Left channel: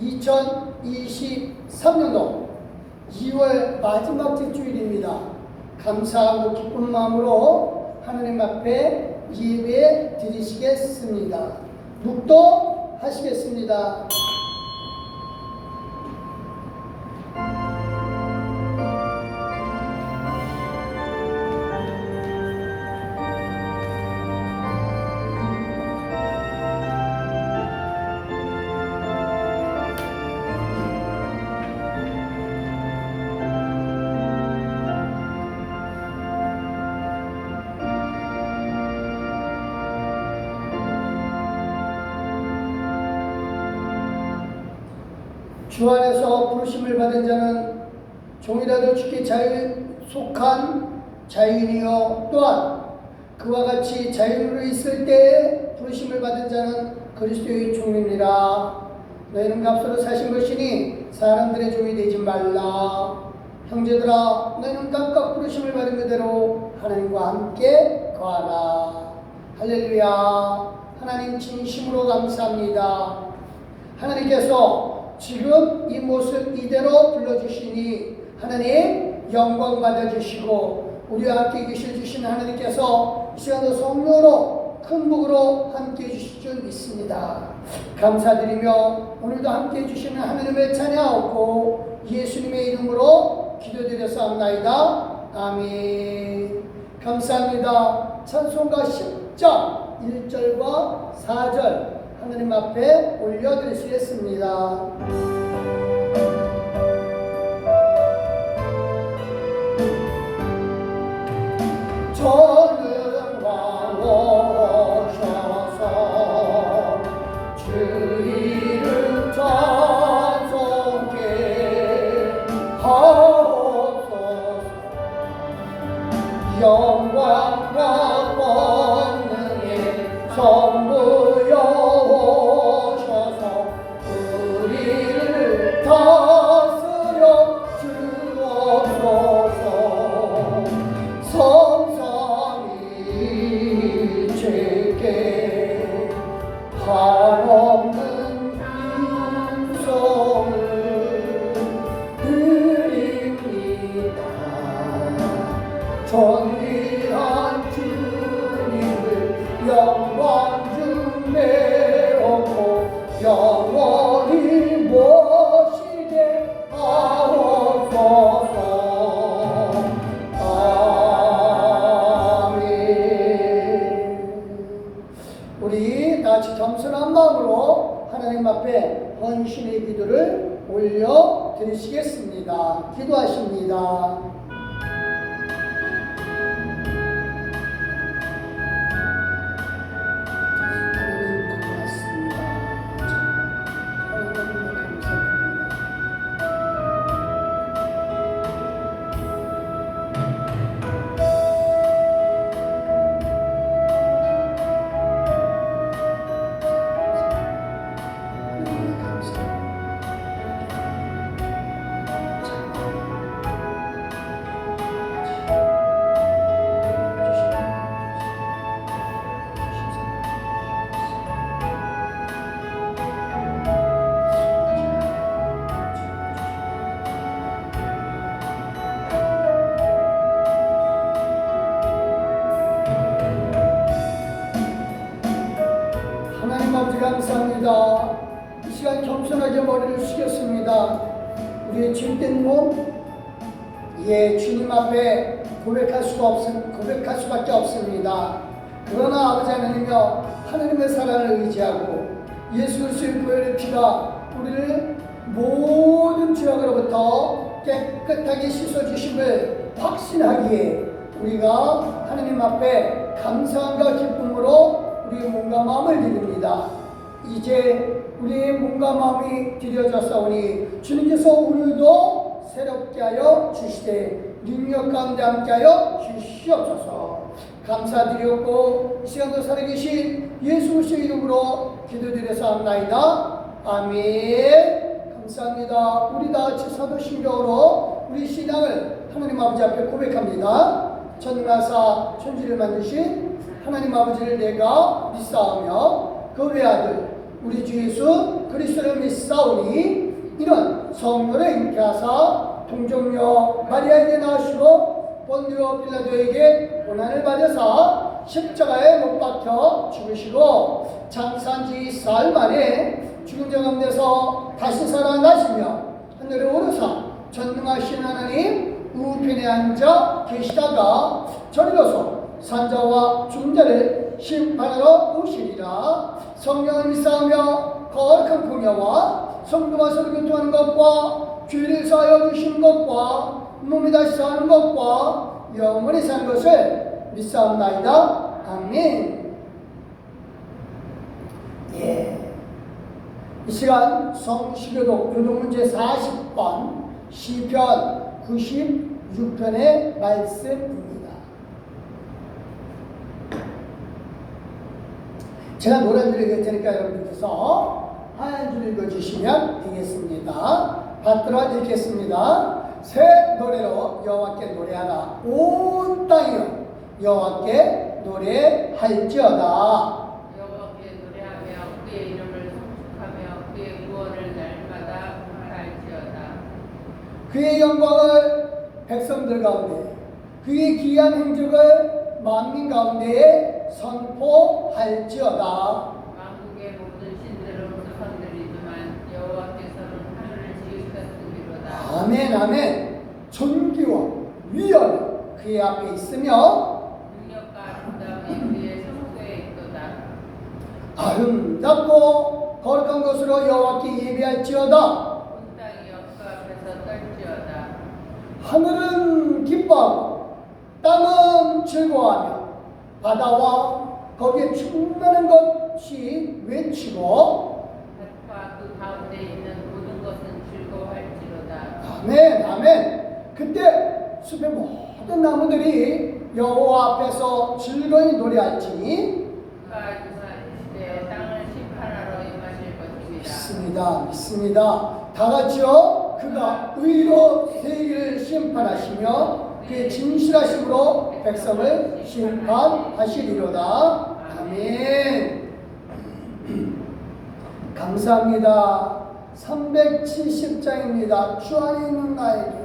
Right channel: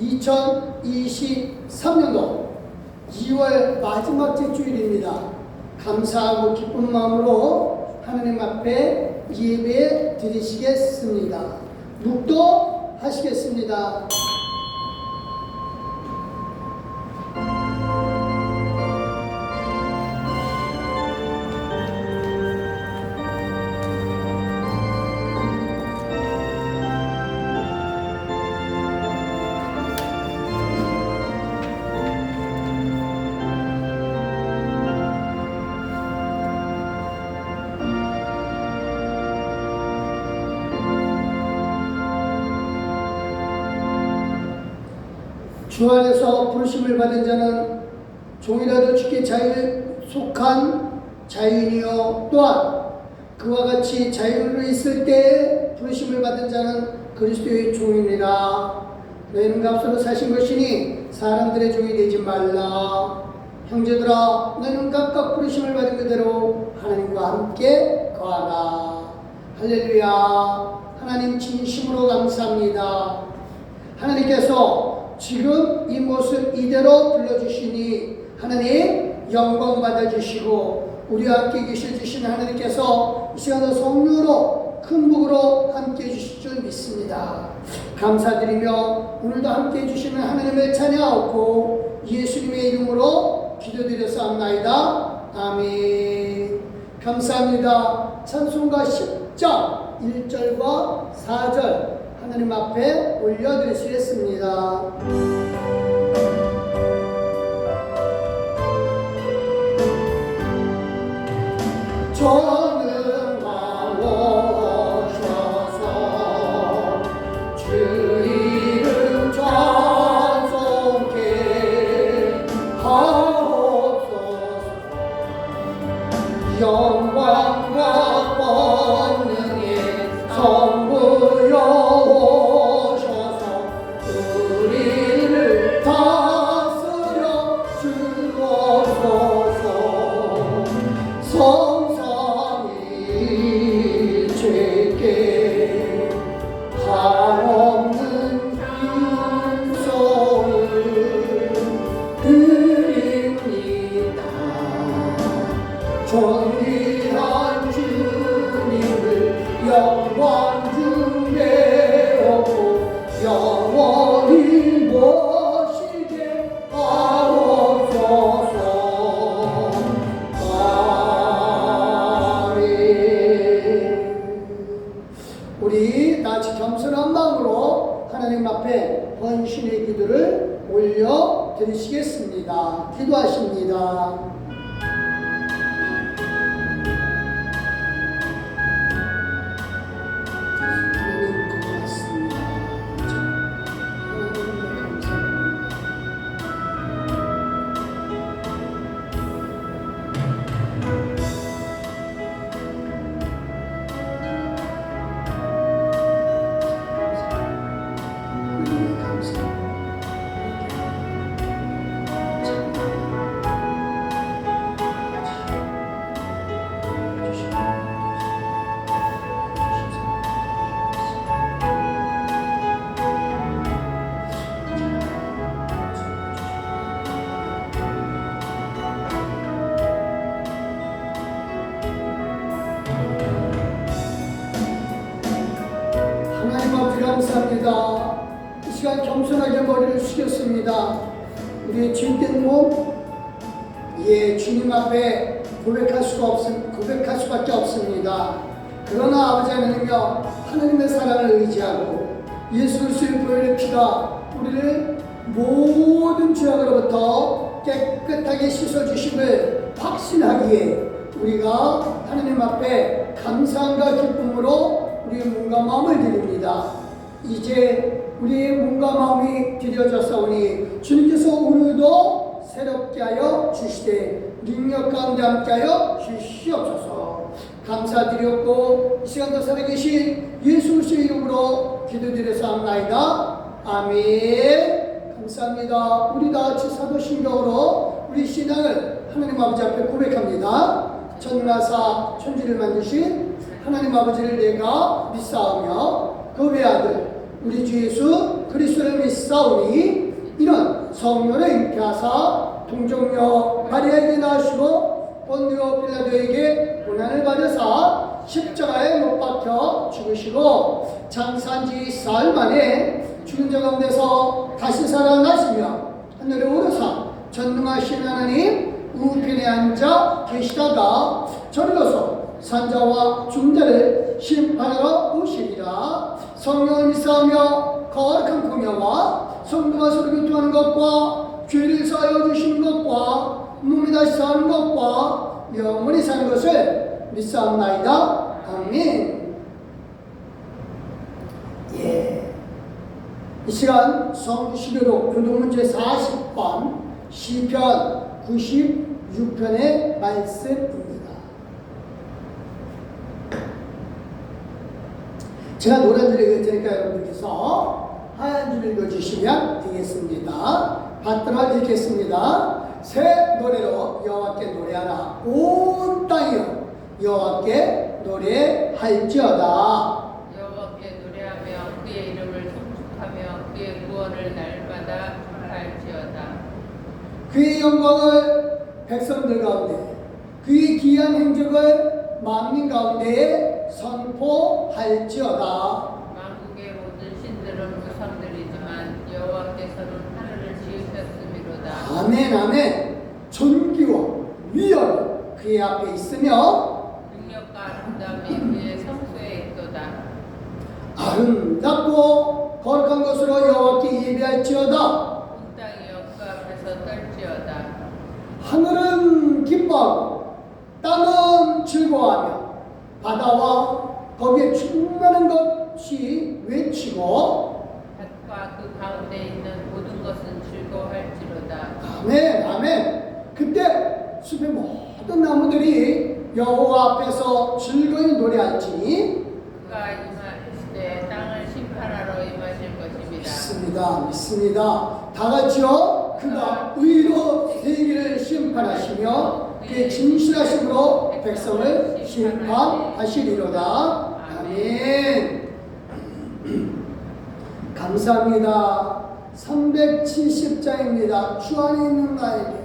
2023년도 2월 마지막 주일입니다. 감사하고 기쁜 마음으로 하나님 앞에 예배 드리시겠습니다. 묵도하시겠습니다. 주 안에서 부르심을 받은 자는 종이라도 주께 속한 자유인이요 또한 그와 같이 자유로 있을 때에 부르심을 받은 자는 그리스도의 종이니라. 너희는 값으로 사신 것이니 사람들의 종이 되지 말라. 형제들아, 너희는 각각 부르심을 받은 그대로 하나님과 함께 거하라. 할렐루야. 하나님 진심으로 감사합니다. 하나님께서 지금 이 모습 이대로 불러주시니 하나님 영광 받아주시고 우리와 함께 계셔주시는 하나님께서 이 시간에 성령으로 큰 복으로 함께 해주실 줄 믿습니다. 감사드리며 오늘도 함께 해주시는 하나님을 찬양하고 예수님의 이름으로 기도드렸사옵나이다. 아멘. 감사합니다. 찬송가 10장 1절과 4절 하나님 앞에 올려드리시겠습니다. 전능과 오셔서 주 이름 찬송케 하옵소서. 영광과 권능의 선부여 존귀한 주님을 영광 중내었고 영원히 모시게 하옵소서. 아멘. 우리 다같이 겸손한 마음으로 하나님 앞에 헌신의 기도를 올려드리시겠습니다. 기도하십니다. 감사합니다. 이 시간 겸손하게 머리를 숙였습니다. 우리의 주인된 몸, 주님 앞에 고백할 수밖에 없습니다. 그러나 아버지 하나님이여, 하나님의 사랑을 의지하고 예수 그리스도의 보혈의 피가 우리를 모든 죄악으로부터 깨끗하게 씻어주심을 확신하기에 우리가 하나님 앞에 감사함과 기쁨으로 우리의 몸과 마음을 드립니다. 이제 우리의 몸과 마음이 드려졌사오니 주님께서 오늘도 새롭게 하여 주시되 능력 가운데 함께 하여 주시옵소서. 감사드렸고 이 시간도 살아계신 예수 그리스도의 이름으로 기도드렸사옵나이다. 아멘. 감사합니다. 우리 다같이 사도신경으로 우리 신앙을 하나님 아버지 앞에 고백합니다. 천하사 천지를 만드신 하나님 아버지를 내가 믿사오며 그 외아들 우리 주 예수 그리스도를 믿사오니 이는 성령을 인하사 동정녀 마리아에게 낳으시고 본디오 빌라도에게 고난을 받으사 십자가에 못 박혀 죽으시고 장사한 지 4일 만에 죽은 자 가운데서 다시 살아나시며 하늘에 오르사 전능하신 하나님 우편에 앉아 계시다가 저리로서 산자와 죽은 자를 심판하러 오시리라. 성령을 믿사오며 거룩한 공예와 성도가 서로 교통하는 것과 죄를 사하여 주시는 것과 몸이 다시 사는 것과 영원히 사는 것을 믿사옵나이다. 아멘. 이 시간 성시교독 교독문제 40번 시편 96편의 말씀입니다. 제가 노란 줄을 읽을 테니까 여러분께서 하얀 줄 읽어주시면 되겠습니다. 받들어 읽겠습니다. 새 노래로 여호와께 노래하라. 온 땅이여 여호와께 노래할지어다. 여호와께 노래하며 그의 이름을 송축하며 그의 구원을 날마다 말할지어다. 그의 영광을 백성들 가운데 그의 귀한 행적을 만민 가운데에 선포할지어다. 만국의 모든 신들은 우상들이지만 여호와께서는 하늘을 지으셨음이로다. 아멘 아멘. 존귀와 위엄이 그의 앞에 있으며 능력과 아름다움이 그의 성소에 있도다. 아름답고 거룩한 것으로 여호와께 예배할지어다. 온 땅이 그 앞에서 떨지어다. 하늘은 기뻐하고 땅은 즐거워하며 바다와 거기에 충만한 것이 외치고 밭과 그 가운데 있는 모든 것은 즐거워할지로다. 아멘 아멘. 그때 숲의 모든 나무들이 여호와 앞에서 즐거이 노래할지니 그가 임하시되 땅을 심판하러 임하실 것입니다. 믿습니다 믿습니다. 다 같이요. 그가 의로 세계를 심판하시며 그의 진실하심으로 백성을 심판하시리로다. 아멘. 감사합니다. 370장입니다. 주 안에 있는 나에게.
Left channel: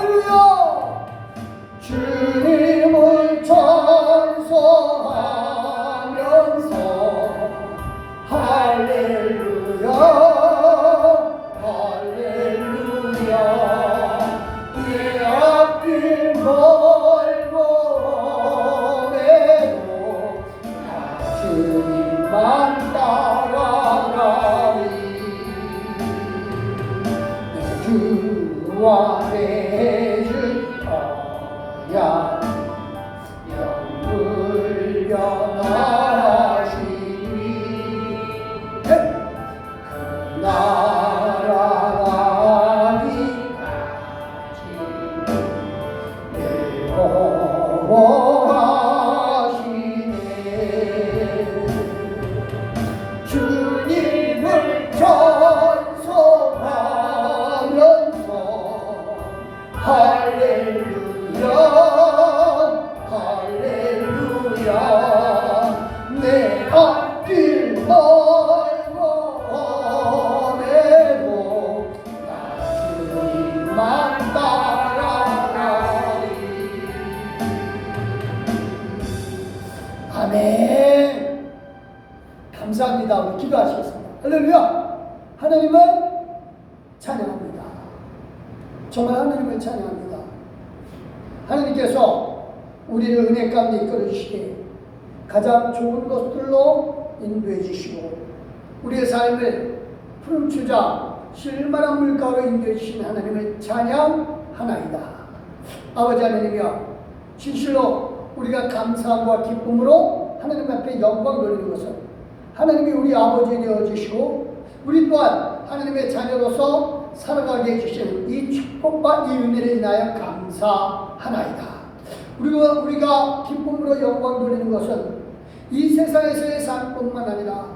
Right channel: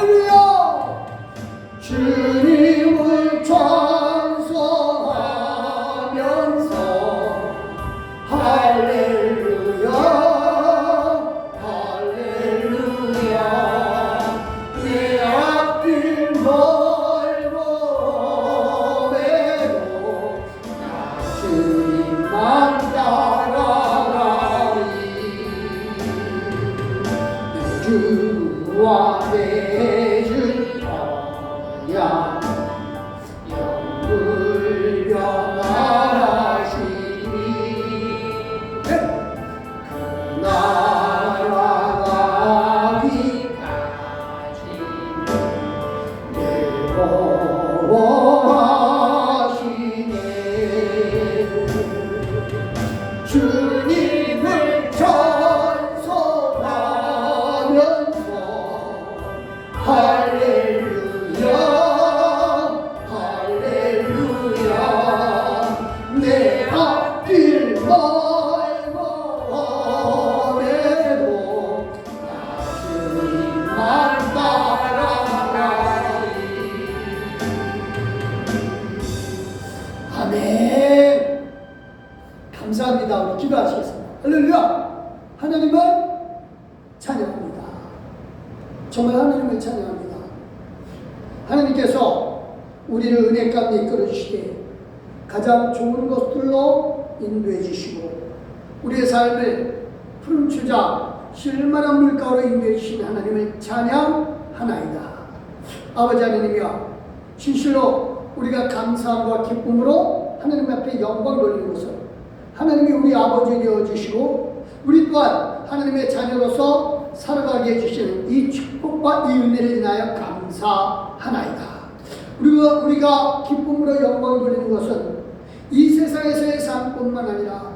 할렐루야. 야 영불 변하시니 그 나라가 빛나시 내보호하시네 주님을 찬송하면서 할렐루야 할렐루야 내 앞길 멀어해도 주님만 따라가리. 아멘. 감사합니다. 우리 기도하시겠습니다. 할렐루야. 하나님을 찬양합니다. 정말 하나님을 찬양합니다. 하나님께서 우리를 은혜 가운데 이끌어 주시되 가장 좋은 것들로 인도해 주시고 우리의 삶을 푸른 추자 실만한 물가로 인도해 주신 하나님을 찬양하나이다. 아버지 하나님이여, 진실로 우리가 감사함과 기쁨으로 하나님 앞에 영광을 돌리는 것은 하나님이 우리 아버지 되어 주시고 우리 또한 하나님의 자녀로서 살아가게 해주시는 이 축복과 이 은혜를 인하여 감사하나이다. 우리가 기쁨으로 영광을 돌리는 것은 이 세상에서의 삶뿐만 아니라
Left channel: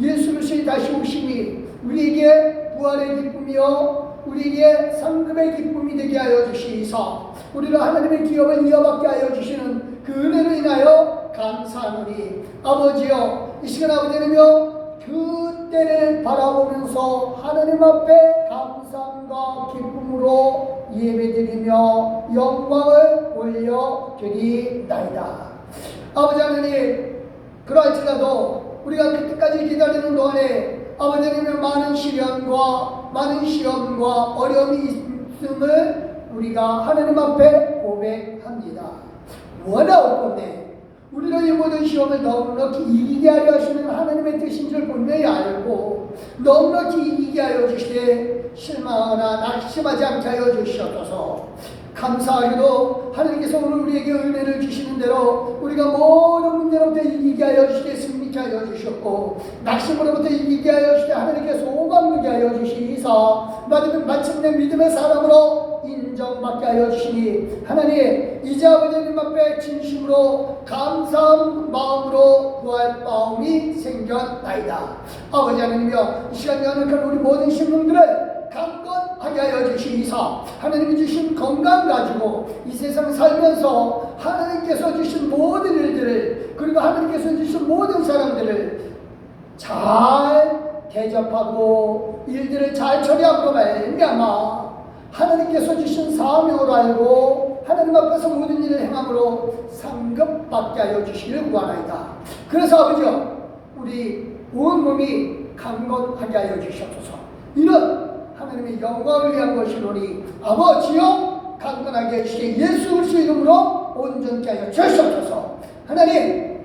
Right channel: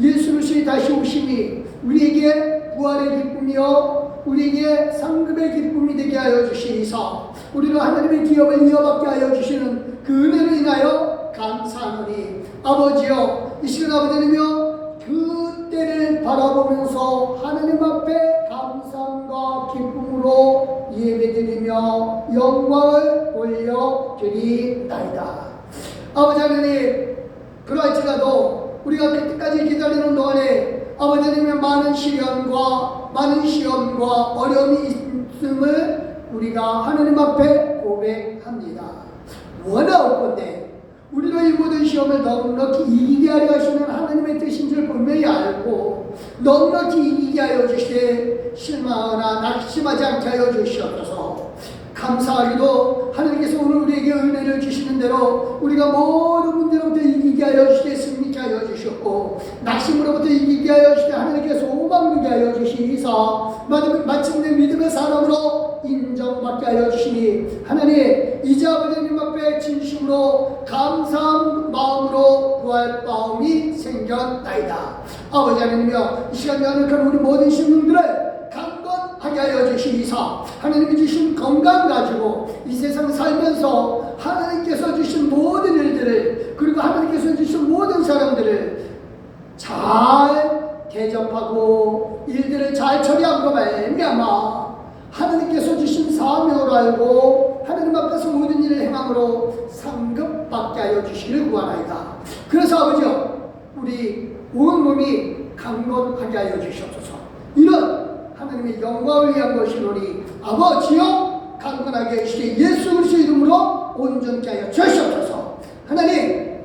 예수 그리스도의 다시 오심이 우리에게 부활의 기쁨이요 우리에게 상급의 기쁨이 되게 하여 주시사 우리가 하나님의 기업을 이어받게 하여 주시는 그 은혜로 인하여 감사하노니 아버지여, 이 시간 아버지 하나님이여 그 때를 바라보면서 하나님 앞에 감사함과 기쁨으로 예배드리며 영광을 올려드리나이다. 아버지 하나님, 그럴지라도 우리가 그때까지 기다리는 동안에 아버지 하나님의 많은 시련과 어려움이 있음을 우리가 하나님 앞에 고백합니다. 원하올 건데 우리로 이 모든 시험을 넉넉히 이기게 하려 하시는 하나님의 뜻인 줄 분명히 알고 넉넉히 이기게 하여 주시되 실망하거나 낙심하지 않게 하여 주시옵소서. 감사하게도 하나님께서 오늘 우리에게 은혜를 주시는 대로 우리가 모든 문제로부터 이기게 하여 주시되 승리케 하여 주셨고 낙심으로부터 이기게 하여 주시되 하나님께서 오만하게 하여 주시니사 마침내 믿음의 사람으로 인정받게 하여 주시니 하나님, 이제 아버지님 앞에 진심으로 감사한 마음으로 구할 마음이 생겼나이다. 아버지 하나님이여, 이 시간에 하나님께서 우리 모든 심령들을 강건하게 하여 주시니사 하나님이 주신 건강 가지고 이 세상 살면서 하나님께서 주신 모든 일들을 그리고 하나님께서 주신 모든 사람들을 잘 대접하고 일들을 잘 처리함으로 말미암아 하나님께서 주신 사명을 알고 하나님 앞에서 모든 일을 행함으로 상급받게 하여 주시기를 구하나이다. 그래서 아버지여, 우리 온 몸이 강건하게 하여 주시옵소서. 이런 하나님의 영광을 위한 것이노니 아버지여, 강건하게 해주시되 예수 그리스도의 이름으로 온전케 하여 주시옵소서. 하나님,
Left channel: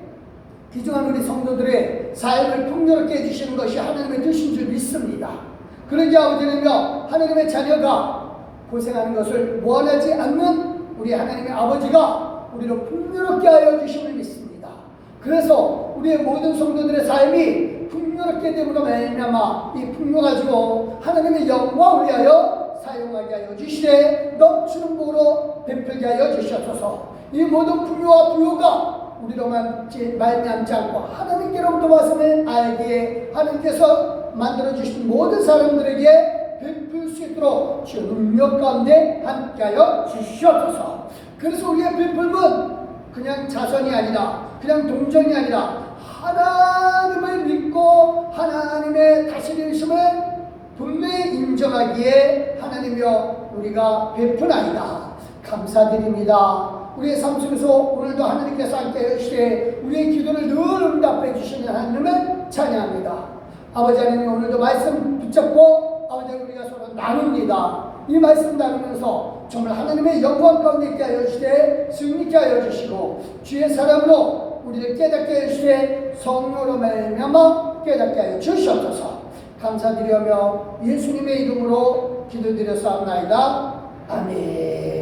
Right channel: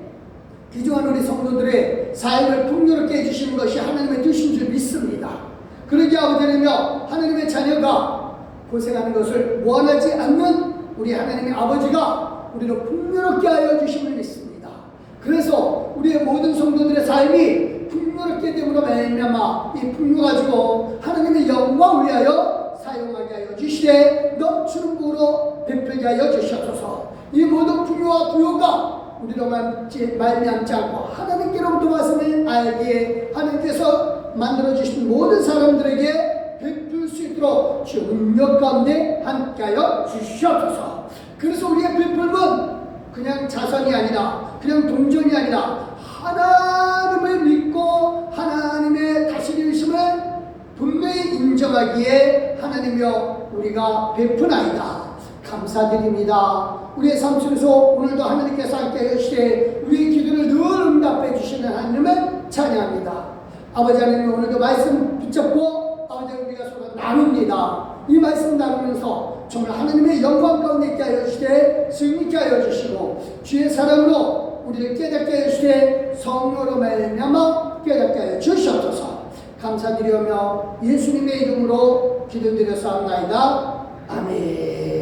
귀중한 우리 성도들의 삶을 풍요롭게 해주시는 것이 하나님의 뜻인 줄 믿습니다. 그러기 아버지는요, 하나님의 자녀가 고생하는 것을 원하지 않는 우리 하나님의 아버지가 우리로 풍요롭게 하여 주심을 믿습니다. 그래서 우리의 모든 성도들의 삶이 풍요롭게 됨으로 말미암아 이 풍요 가지고 하나님의 영광을 위하여 사용하게 하여 주시되 넘치는 복으로 베풀게 하여 주시옵소서. 이 모든 풍요와 부요가 우리로 말미암지 않고 하나님께로부터 말씀을 알기에 하나님께서 만들어주신 모든 사람들에게 베풀 수 있도록 주 능력 가운데 함께하여 주시옵소서. 그래서 우리의 베풀은 그냥 자선이 아니라 그냥 동정이 아니라 하나님을 믿고 하나님의 다스리심을 분명히 인정하기에 하나님이여 우리가 베푸나이다. 감사드립니다. 우리의 삶 속에서 오늘도 하나님께서 함께 해주시되 우리의 기도를 늘 응답해 주시는 하나님을 찬양합니다. 아버지 하나님, 오늘도 말씀 붙잡고 아버지 우리가 서로 나눕니다. 이 말씀 나누면서 정말 하나님의 영광 가운데 있게 하여 주시되 승리케 하여 주시고 주의 사랑으로 우리를 깨닫게 하여 주시되 성령으로 말미암아 깨닫게 하여 주시옵소서. 감사드리며 예수님의 이름으로 기도드려서 합나이다. 아멘.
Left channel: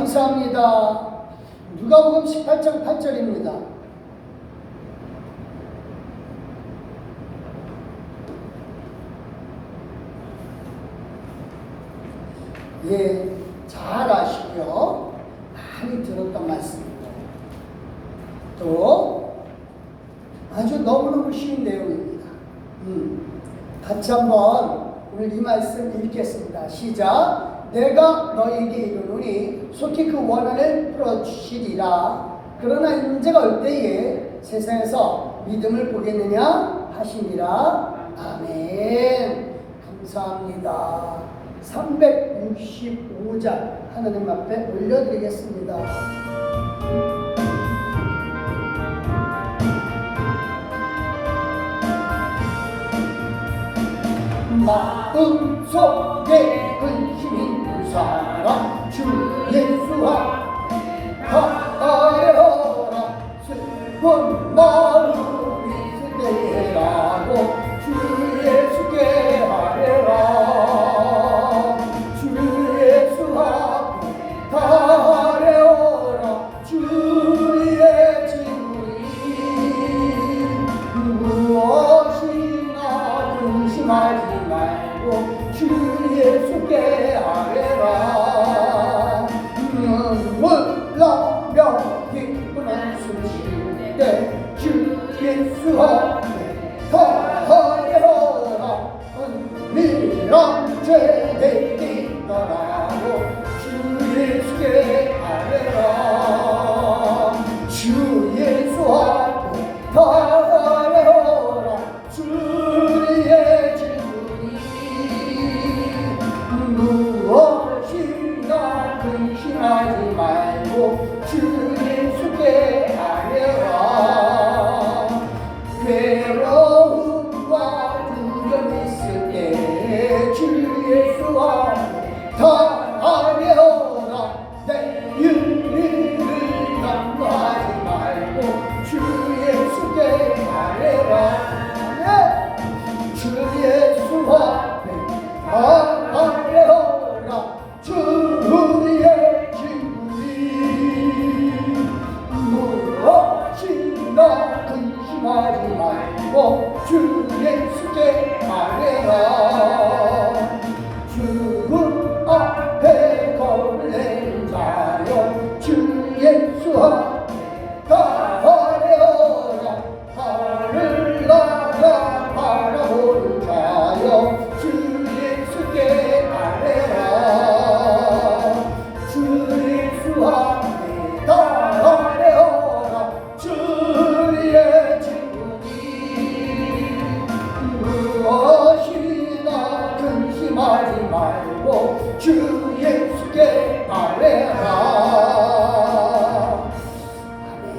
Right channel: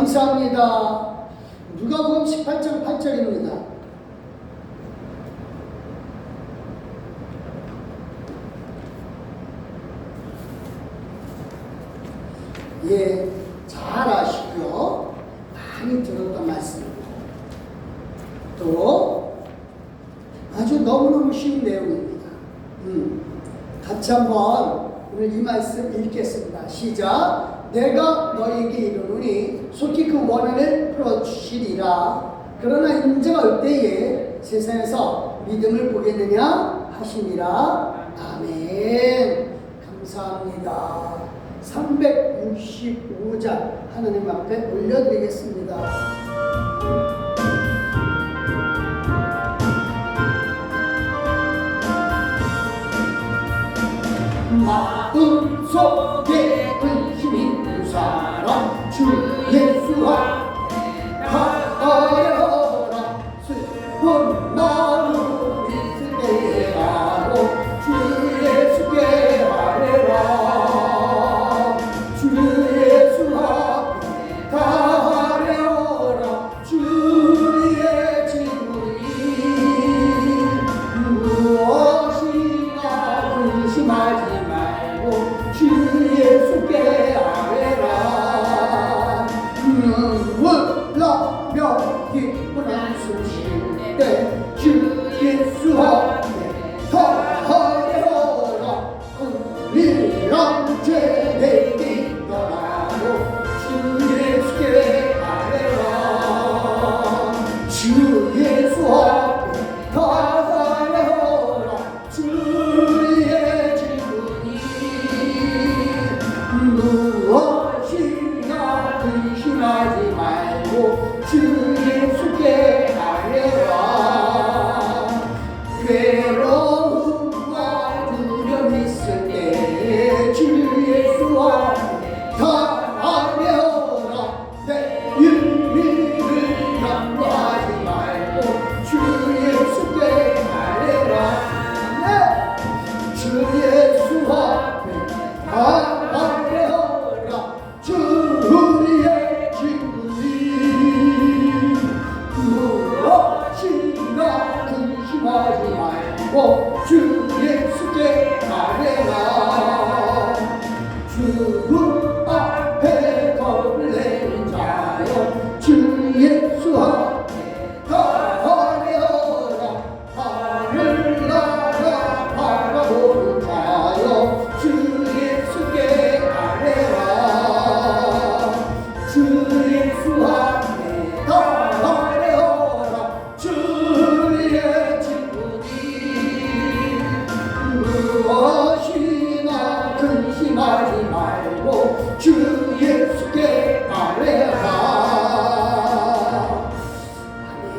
감사합니다. 누가복음 18장 8절입니다. 예, 잘 아시고요. 많이 들었던 말씀입니다. 또 아주 너무너무 쉬운 내용입니다. 같이 한번 오늘 이 말씀 읽겠습니다. 시작. 내가 너에게 이르노니 속히 그 원한을 풀어주시리라. 그러나 인자가 올 때에 세상에서 믿음을 보겠느냐 하시니라. 아멘. 감사합니다. 365장 하나님 앞에 올려드리겠습니다. 마음속에 의심 있는 사람 주 예수와 가려라. 슬픈 마음 있을 때라도 주 예수께 하래라. 주 예수 앞에 가려라. 주의 진리 무엇이나 근심하지 말고 주 예수께 하래라. 눈물 나며 기쁜 한숨 쉴 때 주 예수 앞에 가려라. 은밀한 죄내 있더라도 주 예수께 하래라. 주 예수 앞에 가려라. 주의 진리 무엇이나 근심하지 말고 주 예수께 하래라. 괴로움과 두려움 있을 때 주 예수 앞에 가려라. 내 일을 염려하지 말고 주 예수께 하래라. 주 예수 앞에 가려라. 주의 진리 무엇이나 근심하지 말고 주 예수께 하래라. 죽음 앞에 겁을 내는 자여 주 예수 앞에 가려라. 하늘 나라 바라보는 자여 주 예수께 하래라. 주 예수 앞에 가려라. 주의 진리 무엇이나 근심하지 말고 주 예수께 하래라.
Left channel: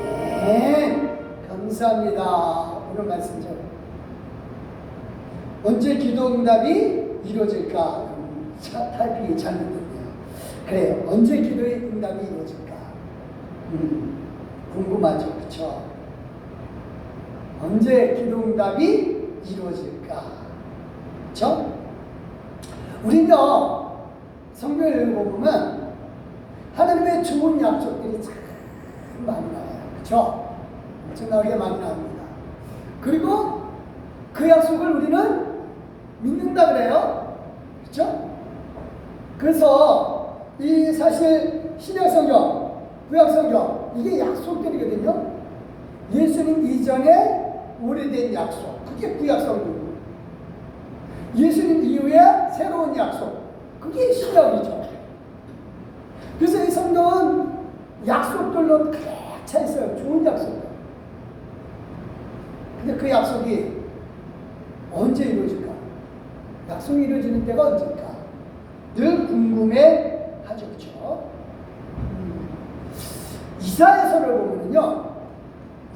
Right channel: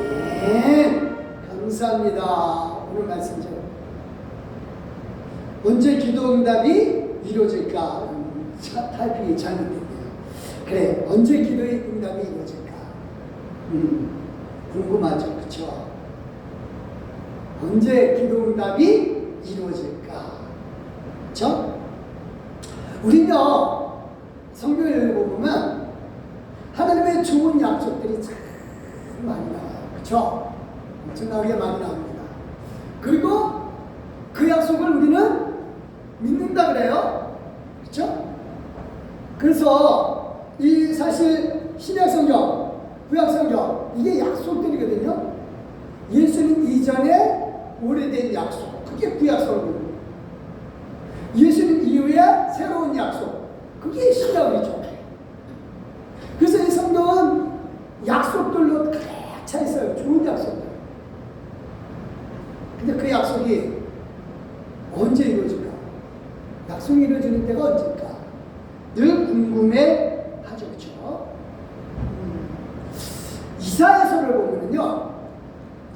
아멘. 감사합니다. 오늘 말씀죠. 언제 기도 응답이 이루어질까? 타이핑이 잘못됐네요. 그래, 언제 기도의 응답이 이루어질까? 궁금하죠, 그렇죠? 언제 기도 응답이 이루어질까? 그렇죠? 우리는요, 성경을 읽어보면 하나님의 좋은 약속들이 참 많이 나와요, 그렇죠? 엄청나게 많이 나옵니다. 그리고 그 약속을 우리는 믿는다 그래요, 그렇죠? 그래서 이 사실 신약 성경, 구약 성경 이게 약속들이거든요. 예수님 이전에 오래된 약속, 그게 구약 성경. 예수님 이후에 새로운 약속, 그게 신약이죠. 그래서 이 성경은 약속들로 가득 차 있어요. 좋은 약속들. 근데 그 약속이 언제 이루어질까? 약속이 이루어지는 때가 언제일까? 늘 궁금해 하죠, 그렇죠? 이사야서를 보면요,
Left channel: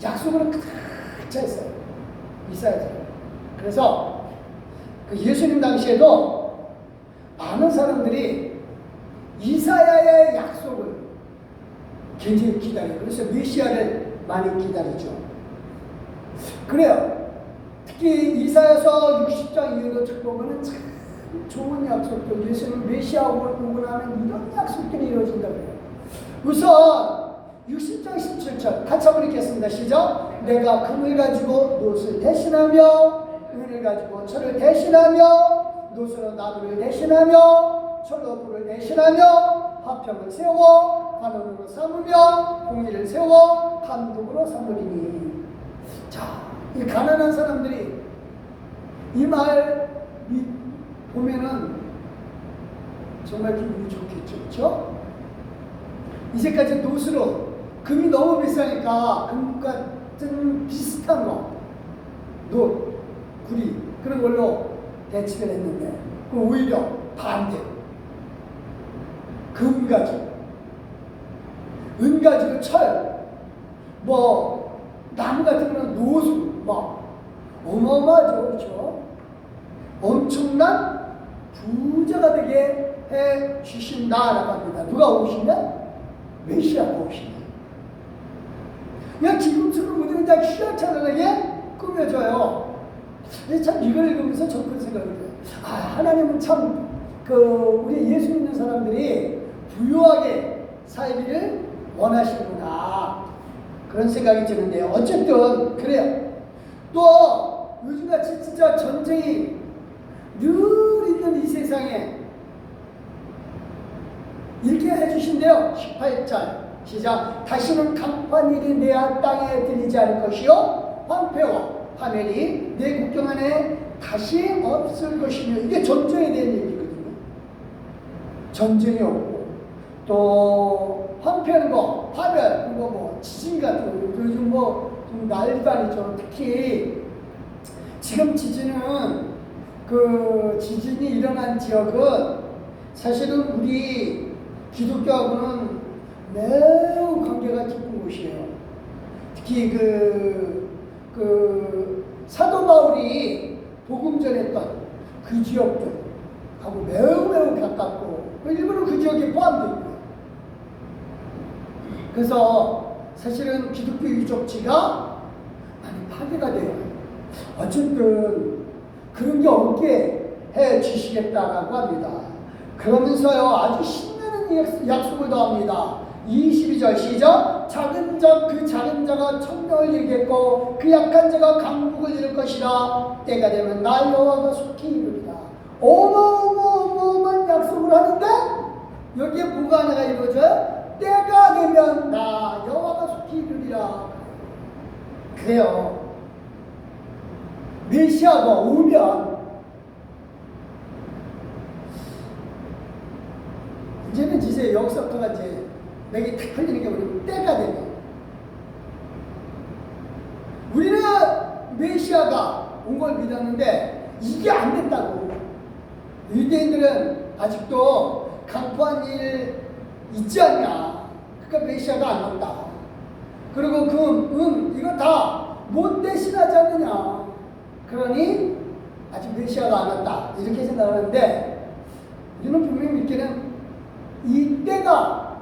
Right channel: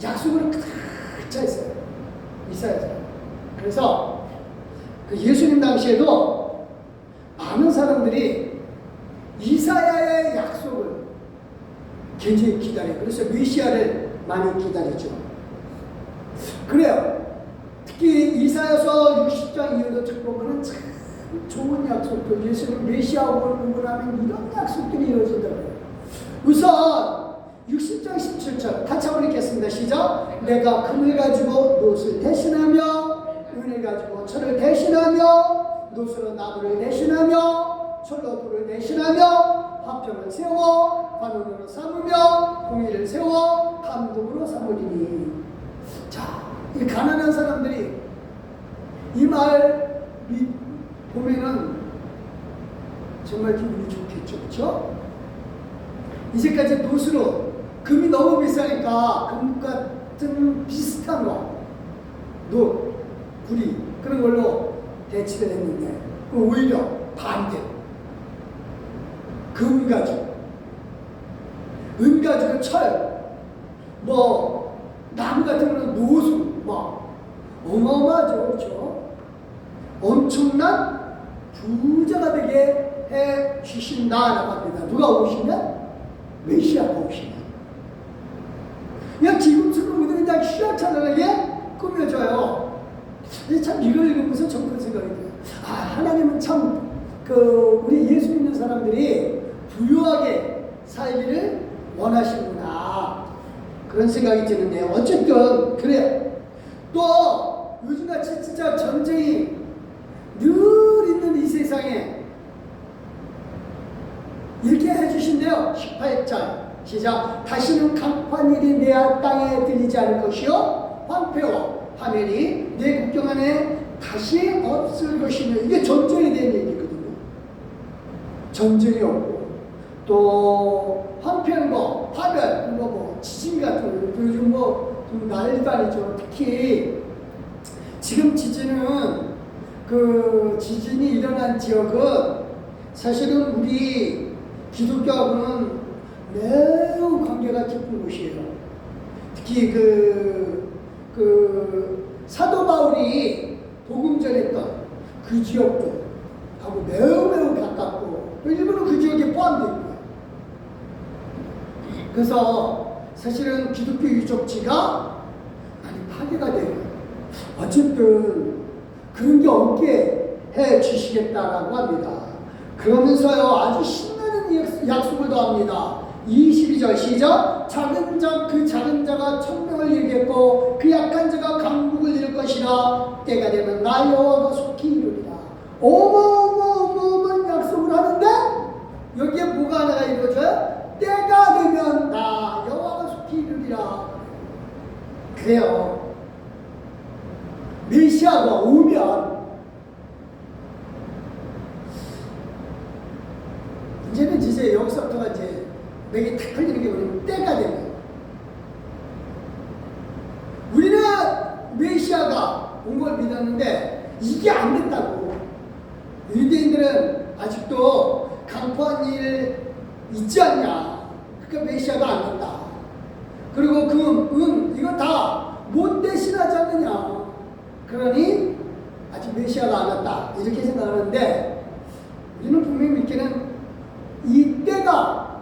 약속으로 가득 차 있어요. 이사야서. 그래서 그 예수님 당시에도 많은 사람들이 이사야의 약속을 굉장히 기다려요. 그래서 메시아를 많이 기다리죠. 그래요. 특히 이사야서 60장 이후로 쭉 보면 참 좋은 약속들, 예수님 메시아 오는 하는 이런 약속들이 이루어진다고 해요. 우선 60장 17절 같이 한번 읽겠습니다. 시작. 내가 금을 가지고 노를 대신하며 은을 가지고 철을 대신하며 노수로 나무를 대신하며 철로 불을 대신하며 화평을 세워 관원으로 삼으며 공의를 세워 감독으로 삼으리니. 자, 이 가난한 사람들이 이 말 보면은 정말 기분이 좋겠죠, 그렇죠? 이제까지 노수로 금이 너무 비싸니까 금 같은 비슷한 거, 구리 그런 걸로 대치를 했는데 그 오히려 반대로 금 가지고 은 가지고 철, 뭐 나무 같은 거는 노수, 뭐 어마어마하죠, 그렇죠? 엄청난 부자가 되게 해 주신다라고 합니다. 누가 오시면? 메시아가 오시면. 그냥 지금처럼 우리는 그냥 휘황찬란하게 꾸며져요. 참 이걸 읽으면서 저런 생각이 들어요. 아, 하나님은 참 우리 예수 믿는 사람들이 부유하게 살기를 원하시는구나, 그런 생각이 드는데요. 어쨌든 그래요. 또 요즘같이 진짜 전쟁이 늘 있는 이 세상에 이렇게 해주신대요. 18절 시작. 다시는 강판일이 내 땅에 들리지 않을 것이요 황폐와 파멸이 내 국경 안에 다시 없을 것이며. 이게 전쟁에 대한 얘기거든요. 전쟁이 없고 또 황폐한 거, 파멸, 그리고 뭐 지진 같은 거 요즘 뭐 좀 난리도 아니죠. 특히 지금 지진은 지진이 일어난 지역은 사실은 우리 기독교하고는 매우 관계가 깊은 곳이에요. 특히 사도 바울이 복음 전했던 그 지역들하고 매우 가깝고 일부는 그 지역에 포함되어 있고요. 그래서 사실은 기독교 유적지가 많이 파괴가 돼요. 어쨌든 그런 게 없게 해 주시겠다라고 합니다. 그러면서요, 아주 신나는 약속을 더합니다. 22절 시작. 작은 자가 천명을 이루겠고 그 약한 자가 강국을 이룰 것이라. 때가 되면 나 여호와가 속히 이루리라. 어마어마한 약속을 하는데 여기에 뭐가 하나가 이루어져요? 때가 되면 나 여호와가 속히 이루리라. 그래요. 메시아가 오면 이제는 이제 여기서부터가 이제 맥이 탁 걸리는 게 우리 때가 되고, 우리는 메시아가 온 걸 믿었는데 이게 안 됐다고. 유대인들은 아직도 강포한 일 있지 않냐. 그러니까 메시아가 안 온다. 그리고 이거 다 못 대신하지 않느냐. 그러니 아직 메시아가 안 왔다, 이렇게 생각하는데, 우리는 분명히 믿기는 이 때가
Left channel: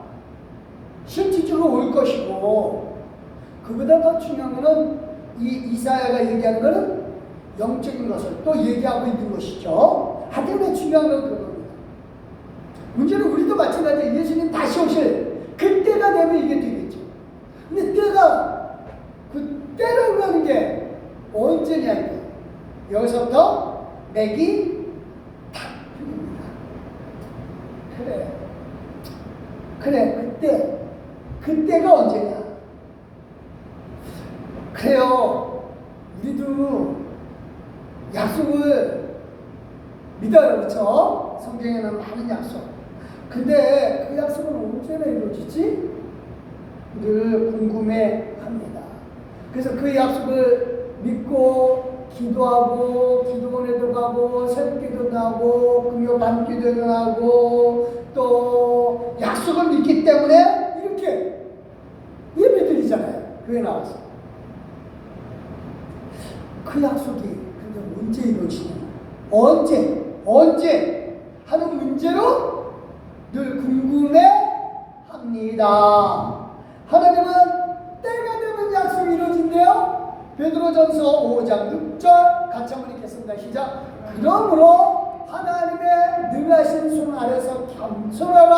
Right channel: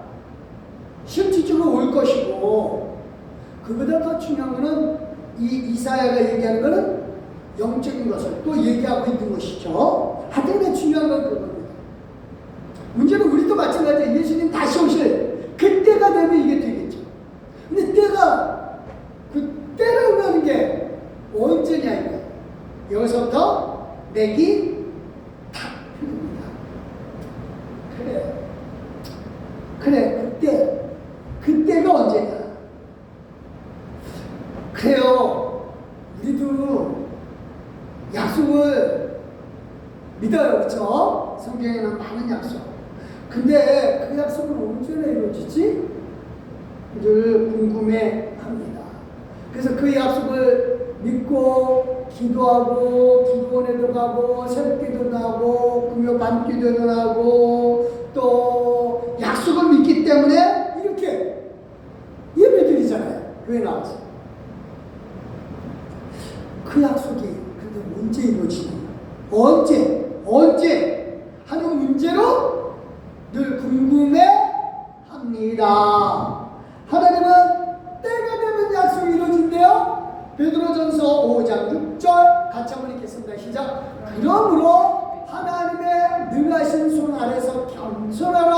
실질적으로 올 것이고, 그보다 더 중요한 것은 이 이사야가 얘기하는 것은 영적인 것을 또 얘기하고 있는 것이죠. 하여튼 중요한 건 그겁니다. 문제는 우리도 마찬가지예요. 예수님 다시 오실 그때가 되면 이게 되겠죠. 근데 때라고 하는 게 언제냐 이거예요. 여기서부터 맥이 탁 풀립니다. 그래, 그때가 언제냐. 그래요. 우리도 약속을 믿어요, 그렇죠? 성경에는 많은 약속. 근데 그 약속은 언제나 이루어지지? 늘 궁금해합니다. 그래서 그 약속을 믿고 기도하고, 기도원에도 가고, 새벽기도 나고, 금요 밤기도도 나고, 또 약속을 믿기 때문에 이렇게 예배드리잖아요. 교회 나와서. 그 약속이 근데 언제 이루어지냐? 언제 하는 문제로 늘 궁금해합니다. 하나님은 때가 되면 약속이 이루어진대요. 베드로전서 5장 6절 같이 한번 읽겠습니다. 시작. 그러므로 하나님의 능하신 손 아래서 겸손하라.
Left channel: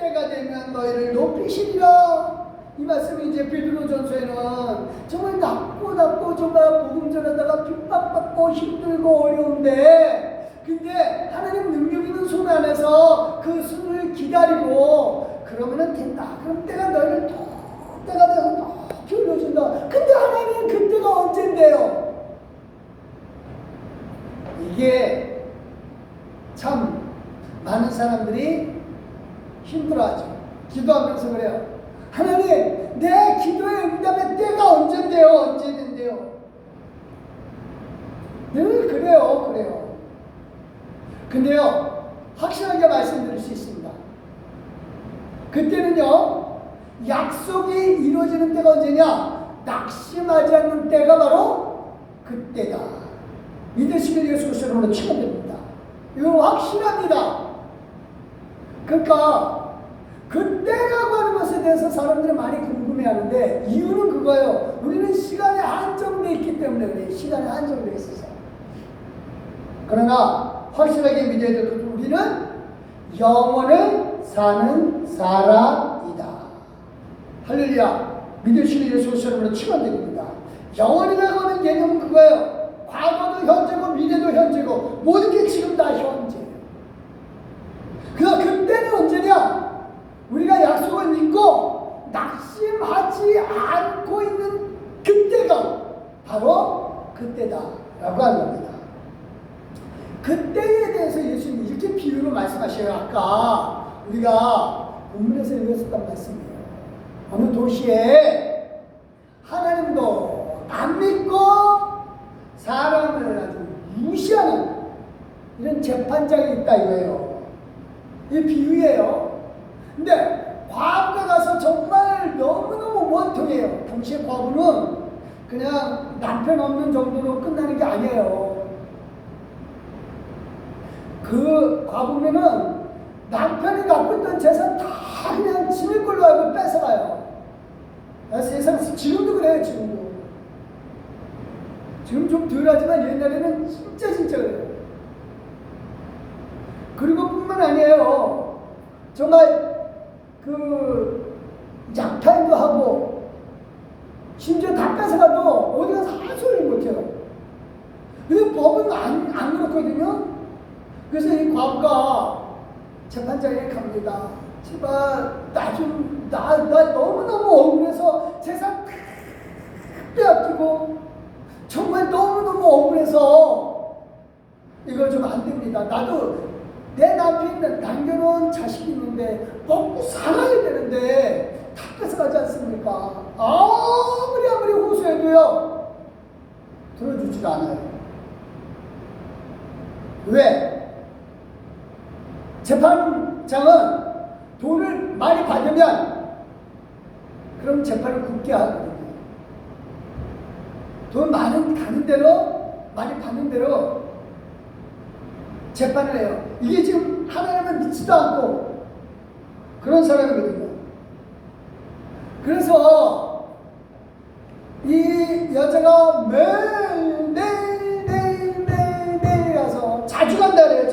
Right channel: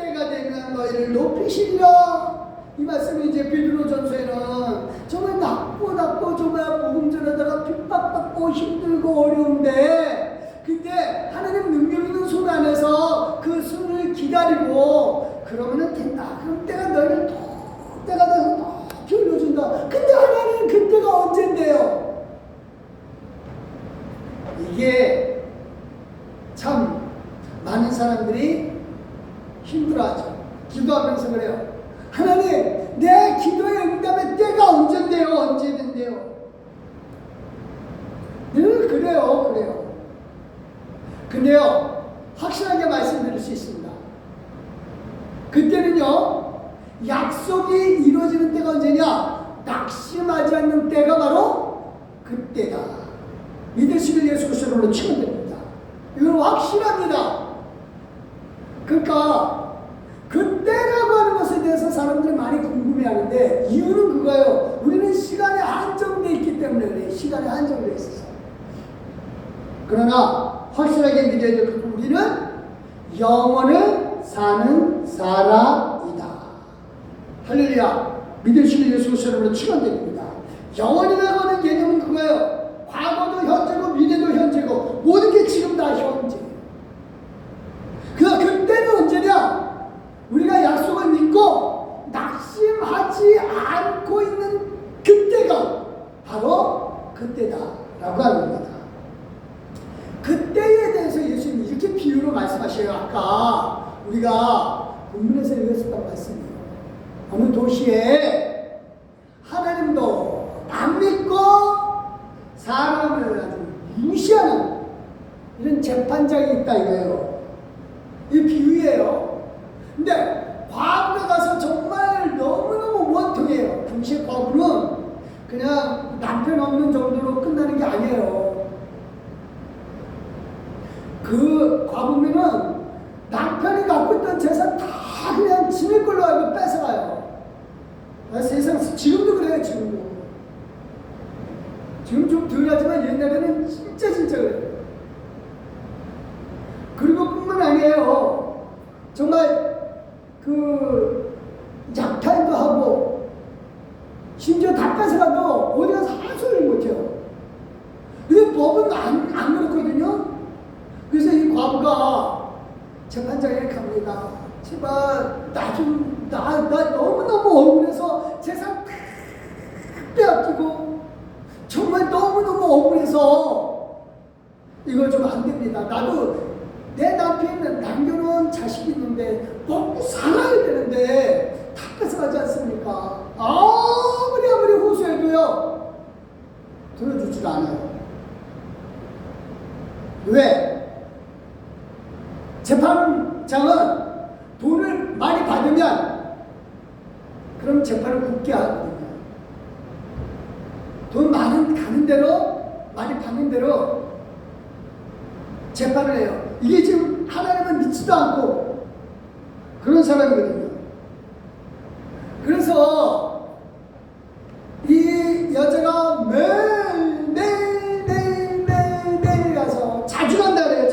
때가 되면 너희를 높이시리라. 이 말씀이 이제 베드로전서에는 정말 낮고 정말 복음 전하다가 핍박받고 힘들고 어려운데, 근데 하나님 능력 있는 손 안에서 그 손을 기다리고 그러면은 된다. 그럼 때가 너희를 때가 되고 높이 올려준다. 근데 하나님은 그때가 언젠데요? 이게 참 많은 사람들이 힘들어하죠. 기도하면서 그래요. 하나님, 내 기도의 응답의 때가 언젠데요? 언제는데요? 늘 그래요. 근데요, 확실하게 말씀드릴 수 있습니다. 그때는요, 약속이 이루어지는 때가 언제냐? 낙심하지 않는 때가 바로 그때다. 믿으시길 예수 그리스도로 치면 됩니다. 이건 확실합니다. 그러니까 그때라고 하는 것에 대해서 사람들이 많이 궁금해하는데, 이유는 그거예요. 우리는 시간에 한정되어 있기 때문에 그래요. 시간에 한정되어 있어서. 그러나 확실하게 믿어야 될 것은 우리는 영원을 사는 사람이다. 할렐루야. 믿으시길 예수 그리스도로 치면 됩니다. 영원이라고 하는 개념은 그거예요. 과거도 현재고 미래도 현재고 모든 게 지금 다 현재예요. 그때는 언제냐? 우리가 약속을 믿고 낙심하지 않고 있는 그때가 바로 그때다라고 하는 겁니다. 그때에 대해서 예수님이 이렇게 비유로 말씀하셔요. 아까 우리가 본문에서 읽었었던 말씀이에요. 어느 도시에 하나님도 안 믿고 사람을 아주 무시하는 이런 재판장이 있다 이거예요. 이 비유예요. 근데 과부가 가서 정말 너무너무 원통해요. 당시에 과부는 그냥 남편 없는 정도로 끝나는 게 아니에요. 그 과부면은 남편이 갖고 있던 재산 다 그냥 지낼 걸로 알고 뺏어가요. 세상 지금도 그래요. 지금 좀 덜하지만 옛날에는 진짜 그래요. 그리고 뿐만 아니에요. 정말 그 약탈도 하고 심지어 다 뺏어가도 어디 가서 한 소리 못해요. 근데 법은 안 그렇거든요. 그래서 이 과부가 재판장에 갑니다. 제발 나 너무너무 억울해서 재산 빼앗기고 정말 너무너무 억울해서 이거 좀 안 됩니다. 나도 내 남편은 남겨놓은 자식이 있는데 먹고 살아야 되는데 다 뺏어가지 않습니까? 아무리 호소해도요 들어주질 않아요. 왜? 재판장은 돈을 많이 받으면 그럼 재판을 굳게 하거든요. 돈 많이 받는 대로 재판을 해요. 이게 지금 하나님을 믿지도 않고 그런 사람이거든요. 그래서 이 여자가 매일 가서 자주 간다 그래요.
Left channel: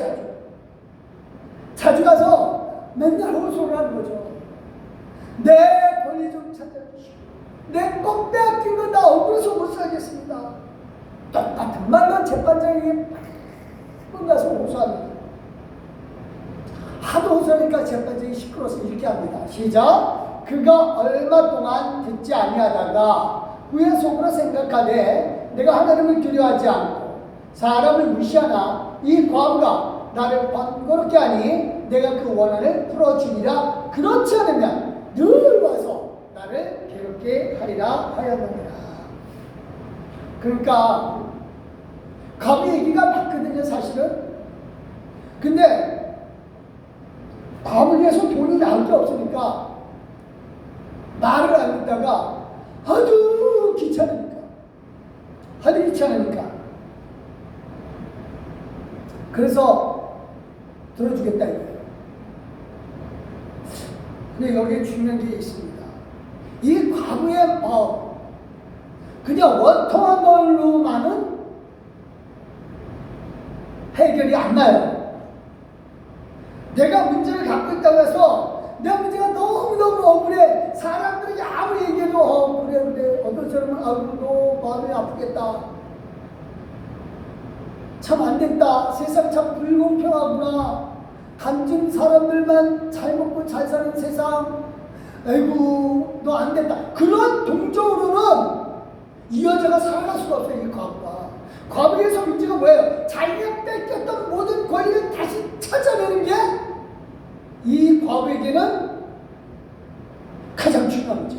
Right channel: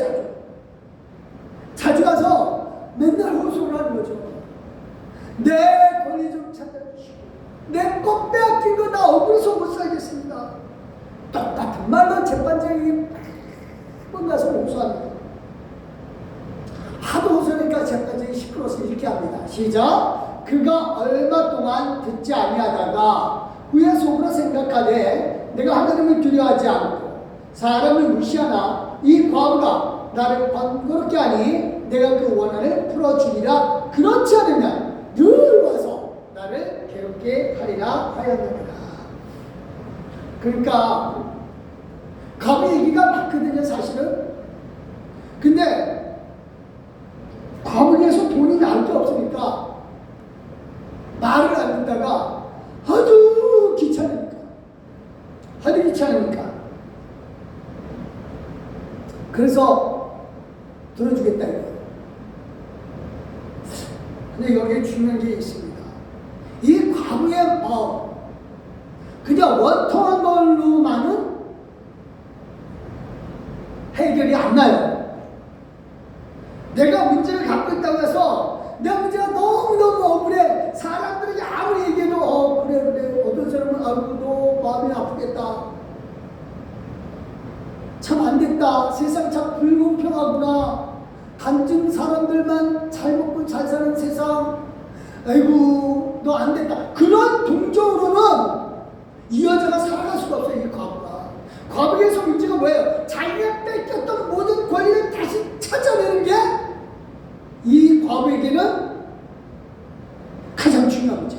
자주 가서 맨날 호소를 하는 거죠. 내 권리 좀 찾아주시고 내 꼭 빼앗긴 거 나 억울해서 못 살겠습니다. 똑같은 말로 재판장에게 번 가서 호소합니다. 하도 호소하니까 재판장이 시끄러워서 이렇게 합니다. 시작. 그가 얼마 동안 듣지 아니하다가 후에 속으로 생각하되 내가 하나님을 두려워하지 않고 사람을 무시하나 이 과부가 나를 번거롭게 하니 내가 그 원한을 풀어주리라. 그렇지 않으면 늘 와서 나를 괴롭게 하리라 하였느니라. 그러니까 과부 얘기가 맞거든요, 사실은. 근데 과부에서 돈이 나올 게 없으니까 말을 안 듣다가 하도 귀찮으니까 그래서 들어주겠다 이거예요. 근데 여기에 중요한 게 있습니다. 이 과부의 마음, 그냥 원통한 걸로만은 해결이 안 나요. 내가 문제를 갖고 있다고 해서 내가 알고도 마음이 아프겠다. 참 안됐다. 세상 참 불공평하구나. 간증 사람들만 잘 먹고 잘 사는 세상. 아이고 너 안됐다. 그런 동정으로는 이 여자가 살아갈 수가 없어요. 이 과부가. 과부에서 문제가 뭐예요? 자기가 뺏겼던 모든 권리를 다시 찾아내는 게 이 과부에게는 가장 중요한 문제.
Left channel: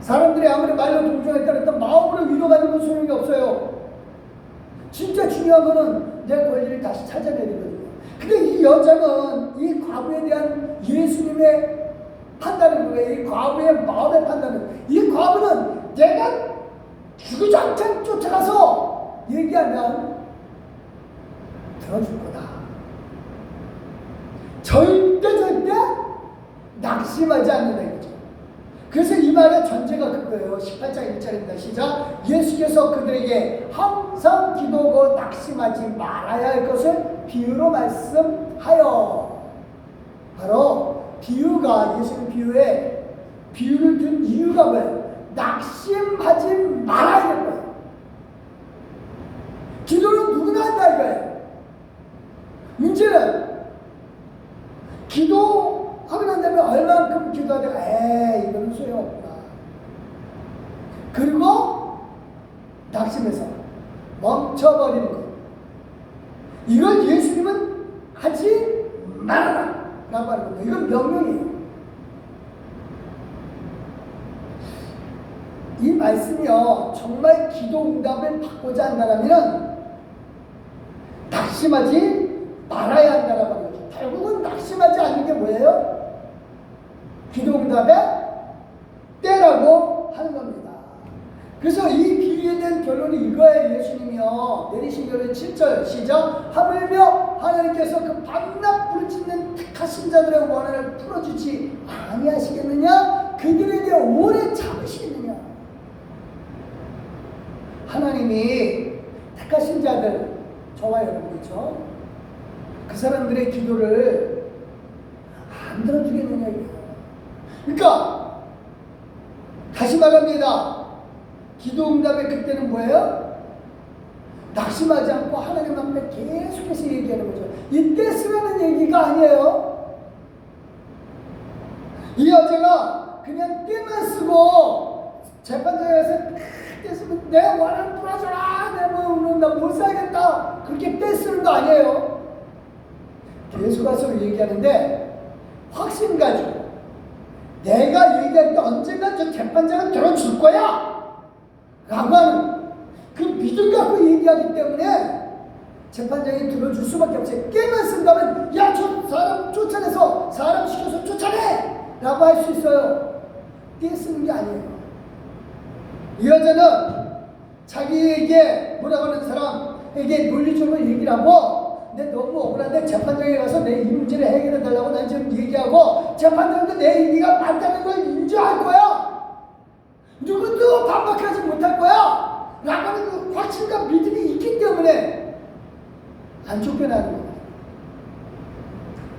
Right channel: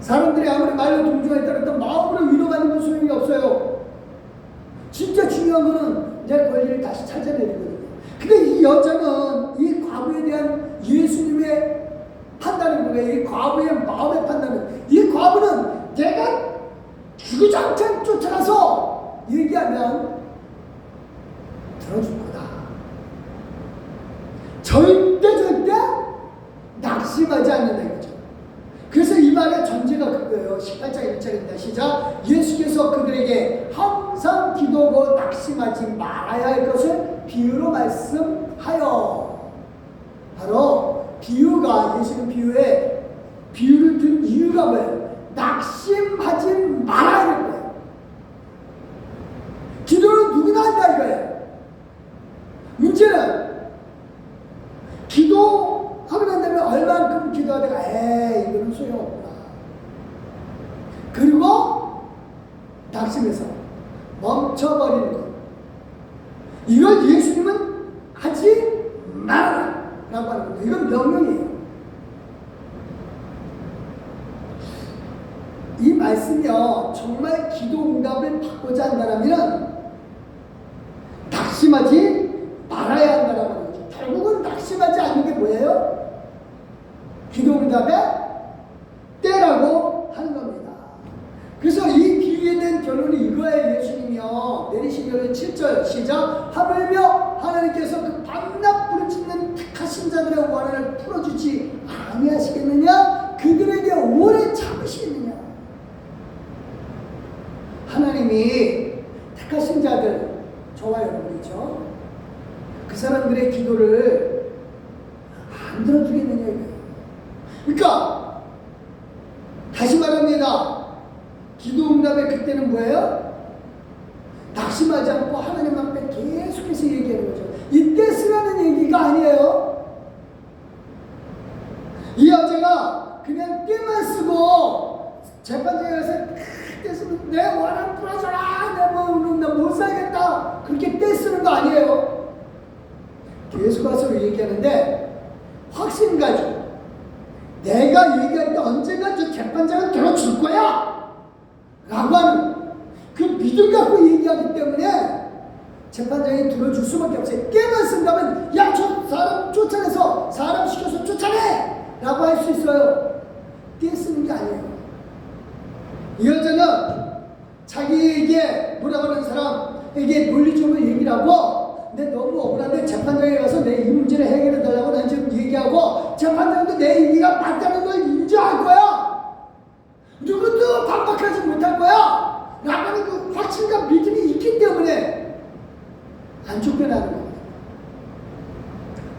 사람들이 아무리 말로 동정했다 했던 마음으로 위로받는 건 소용이 없어요. 진짜 중요한 거는 내 권리를 다시 찾아내는 거예요. 근데 이 여자는 이 과부에 대한 예수님의 판단은 뭐예요? 이 과부의 마음의 판단은, 이 과부는 내가 주구장창 쫓아가서 얘기하면 들어줄 거다. 절대 낙심하지 않는다 이거죠. 그래서 이 말의 전제가 그거예요. 18장 1절입니다. 시작. 예수께서 그들에게 항상 기도하고 낙심하지 말아야 할 것을 비유로 말씀하여. 바로 비유가, 예수님 비유에 비유를 든 이유가 뭐예요? 낙심하지 말아야 할 거예요. 기도는 누구나 한다 이거예요. 문제는 기도하고 난 다음에 얼만큼 기도하다가 이거는 소용없구나. 그리고 낙심해서 멈춰버리는 것. 이걸 예수님은 하지 마라 라고 하는 겁니다. 이건 명령이에요. 이 말씀이요, 정말 기도 응답을 받고자 한다면 낙심하지 말아야 한다라고 하는 거죠. 결국은 낙심하지 않는 게 뭐예요? 기도 응답의 때라고 하는 겁니다. 그래서 이 비유에 대한 결론이 이거예요. 예수님이요 내리신 결론 7절 시작. 하물며 하나님께서 그 밤낮 부르짖는 택하신 자들의 원한을 풀어주지 아니하시겠느냐? 그들에게 오래 참으시겠느냐? 하나님이 택하신 자들, 저와 여러분이죠. 그 사람들의 기도를 안 들어주겠느냐 이거예요. 그러니까 다시 말합니다. 기도 응답의 그때는 뭐예요? 낙심하지 않고 하나님 앞에 계속해서 얘기하는 거죠. 이때 쓰라는 얘기가 아니에요. 이 여자가 그냥 때만 쓰고 재판장에 가서 때 쓰면 내 원한 풀어줘라, 내 몸은 나 못 살겠다, 그렇게 때 쓰는 거 아니에요. 계속 와서 얘기하는데 확신 가지고 내가 얘기할 때 언젠가 저 재판장을 들어줄 거야 라고 하는 그 믿음 갖고 얘기하기 때문에 재판장이 들어줄 수밖에 없어요. 깨만 쓴다면 야, 저 사람 쫓아내서 사람 시켜서 쫓아내 라고 할 수 있어요. 깨 쓰는 게 아니에요. 이 여자는 자기에게 뭐라고 하는 사람에게 논리적으로 얘기를 하고, 내 너무 억울한데 재판장에 가서 내 이 문제를 해결해 달라고 난 지금 얘기하고, 재판장도 내 얘기가 맞다는 걸 인정할 거야. 누구도 반박하지 못할 거야 라고 하는 그 확신과 믿음이 있기 때문에 안 쫓겨나는 거야.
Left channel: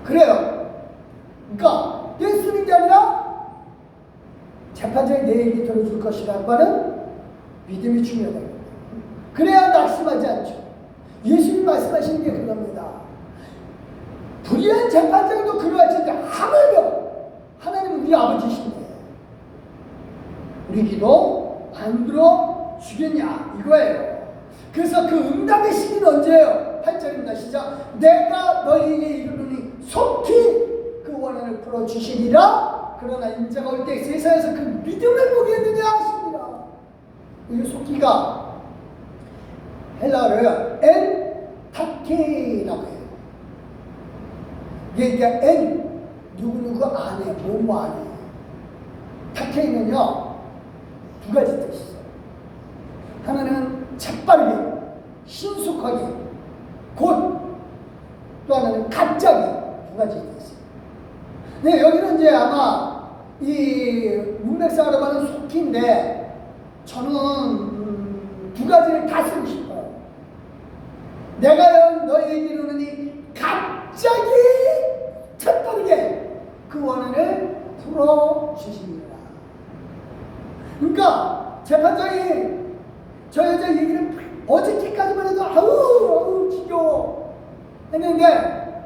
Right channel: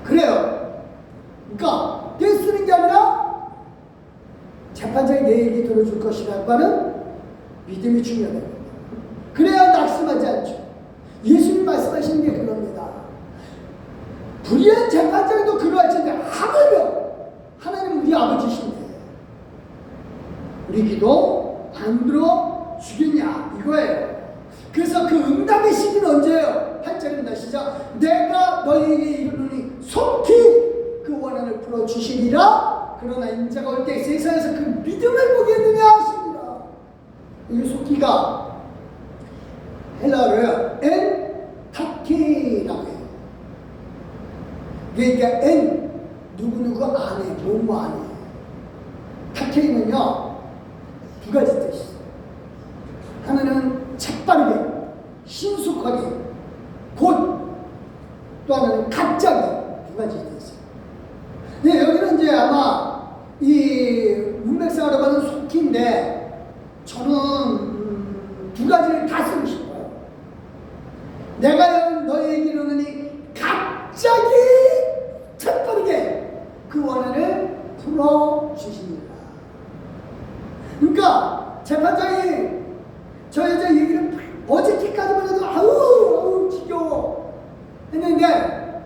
그래요. 그러니까 떼 쓰는 게 아니라 재판장이 내 얘기 들어줄 것이라고 하는 믿음이 중요하다. 그래야 낙심하지 않죠. 예수님 말씀하시는 게 그겁니다. 불의한 재판장도 그러하지 않는데 하물며 하나님 우리 아버지신데 우리 기도 안 들어주겠냐 이거예요. 그래서 그 응답의 시기는 언제예요? 8절입니다. 시작. 내가 너희에게 이르노니 속히 그 원한을 풀어주시리라. 그러나 인자가 올 때 세상에서 그 믿음을 보겠느냐 하십니다. 이 속히가 헬라어로요 엔 타케라고 해요. 이게 엔 누구누구 안에 뭐뭐 안에. 타케는요 두 가지 뜻이 있어요. 하나는 재빠르게 신속하게 곧, 또 하나는 갑자기, 두 가지 뜻이 있어요. 네, 여기는 이제 아마 이 문맥상으로 하는 속기인데 저는 두 가지를 다 쓰고 싶어요. 내가 너희에게 이르노니 갑자기 재빠르게 그 원한을 풀어주십니다. 그러니까 재판장이 저 여자 얘기를 어저께까지만 해도 아우 지겨워 했는데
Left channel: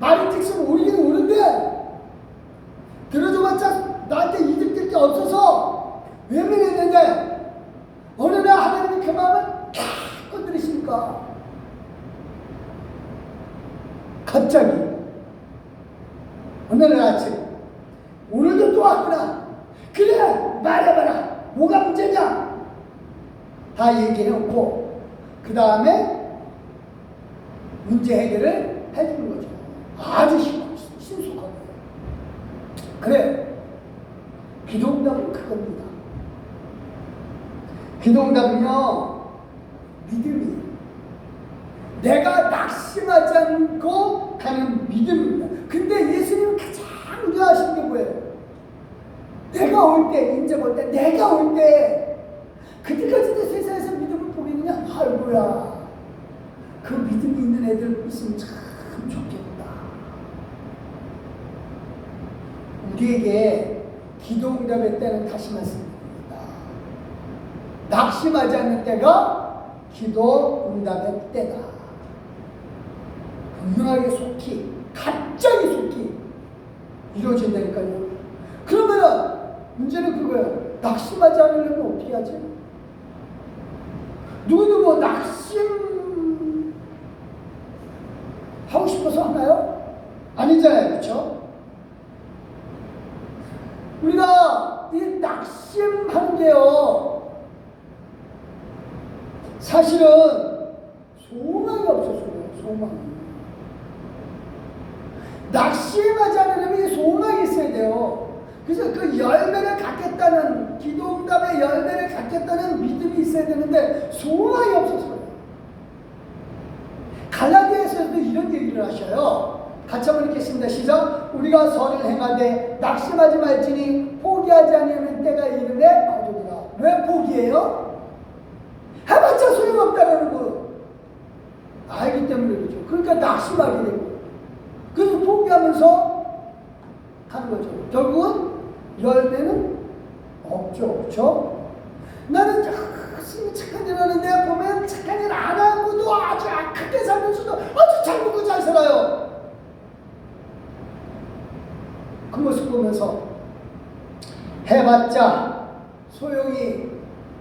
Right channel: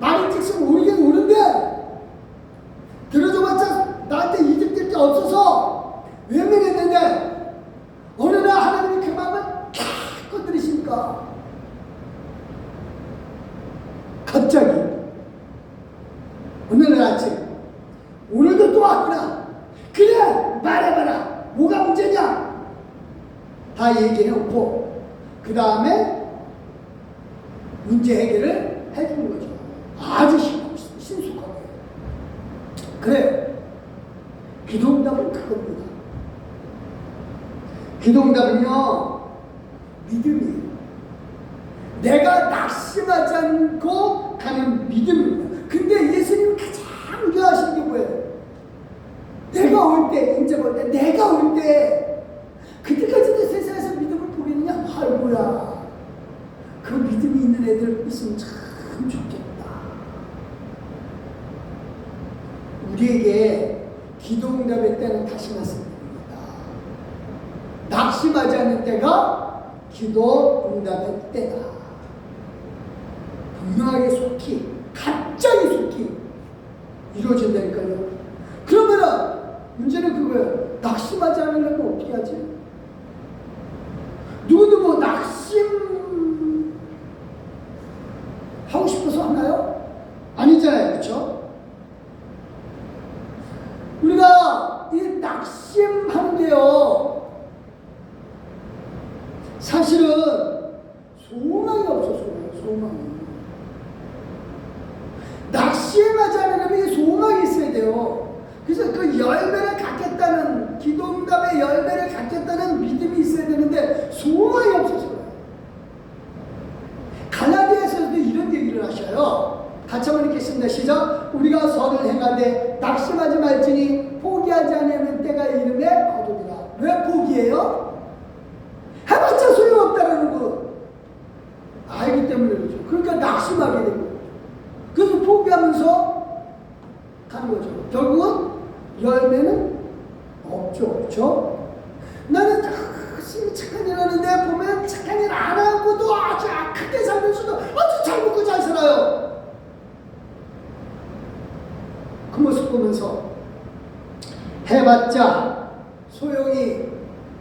말인즉슨 오르긴 오는데 들어줘봤자 나한테 이득될 게 없어서 외면했는데 어느 날 하나님이 그 마음을 탁 건드리시니까 갑자기 어느 날 아침 오늘도 또 왔구나. 그래 말해봐라. 뭐가 문제냐. 다 얘기해놓고 그 다음에 문제 해결을 해주는 거죠. 아주 신속하게. 그래요. 기도응답은 그겁니다. 기도응답은요 믿음이에요. 내가 낙심하지 않고 가는 믿음입니다. 근데 예수님은 가장 우려하시는 게 뭐예요? 내가 올 때, 인자가 올 때, 내가 올 때, 그때까지도 세상에서 믿음을 보겠냐? 아이고야. 그 믿음이 있는 애들 있으면 참 좋겠다. 우리에게 기도응답의 때는 다시 말씀드립니다. 낙심하지 않는 때가 기도응답의 때다. 분명하게 속히, 갑자기 속히 이루어진다니까요. 그러면은 문제는 그거예요. 낙심하지 않으려면 어떻게 하지? 누구누구 낙심 하고 싶어서 하나요? 아니잖아요. 그렇죠? 우리가 이 낙심하는데요 사실은 소망이 없어. 소망이. 낙심하지 않으려면 소망이 있어야 돼요. 그래서 그 열매를 갖겠다는, 기도응답의 열매를 갖겠다는 믿음이 있어야 되는데 소망이 없어서 갈라디아서도 이런 얘기를 하셔요. 같이 한번 읽겠습니다. 시작. 우리가 선을 행하되 낙심하지 말지니 포기하지 아니하면 때가 이르매 거두리라. 왜 포기해요? 해봤자 소용없다라는 거 알기 때문에 그렇죠. 그러니까 낙심하게 되고 그래서 포기하면서 가는 거죠. 결국은 열매는 없죠. 나는 열심히 착한 일 하는데 보면 착한 일 안 하고도 아주 악하게 살면서도 아주 잘 먹고 잘 살아요. 그 모습 보면서 해봤자 소용이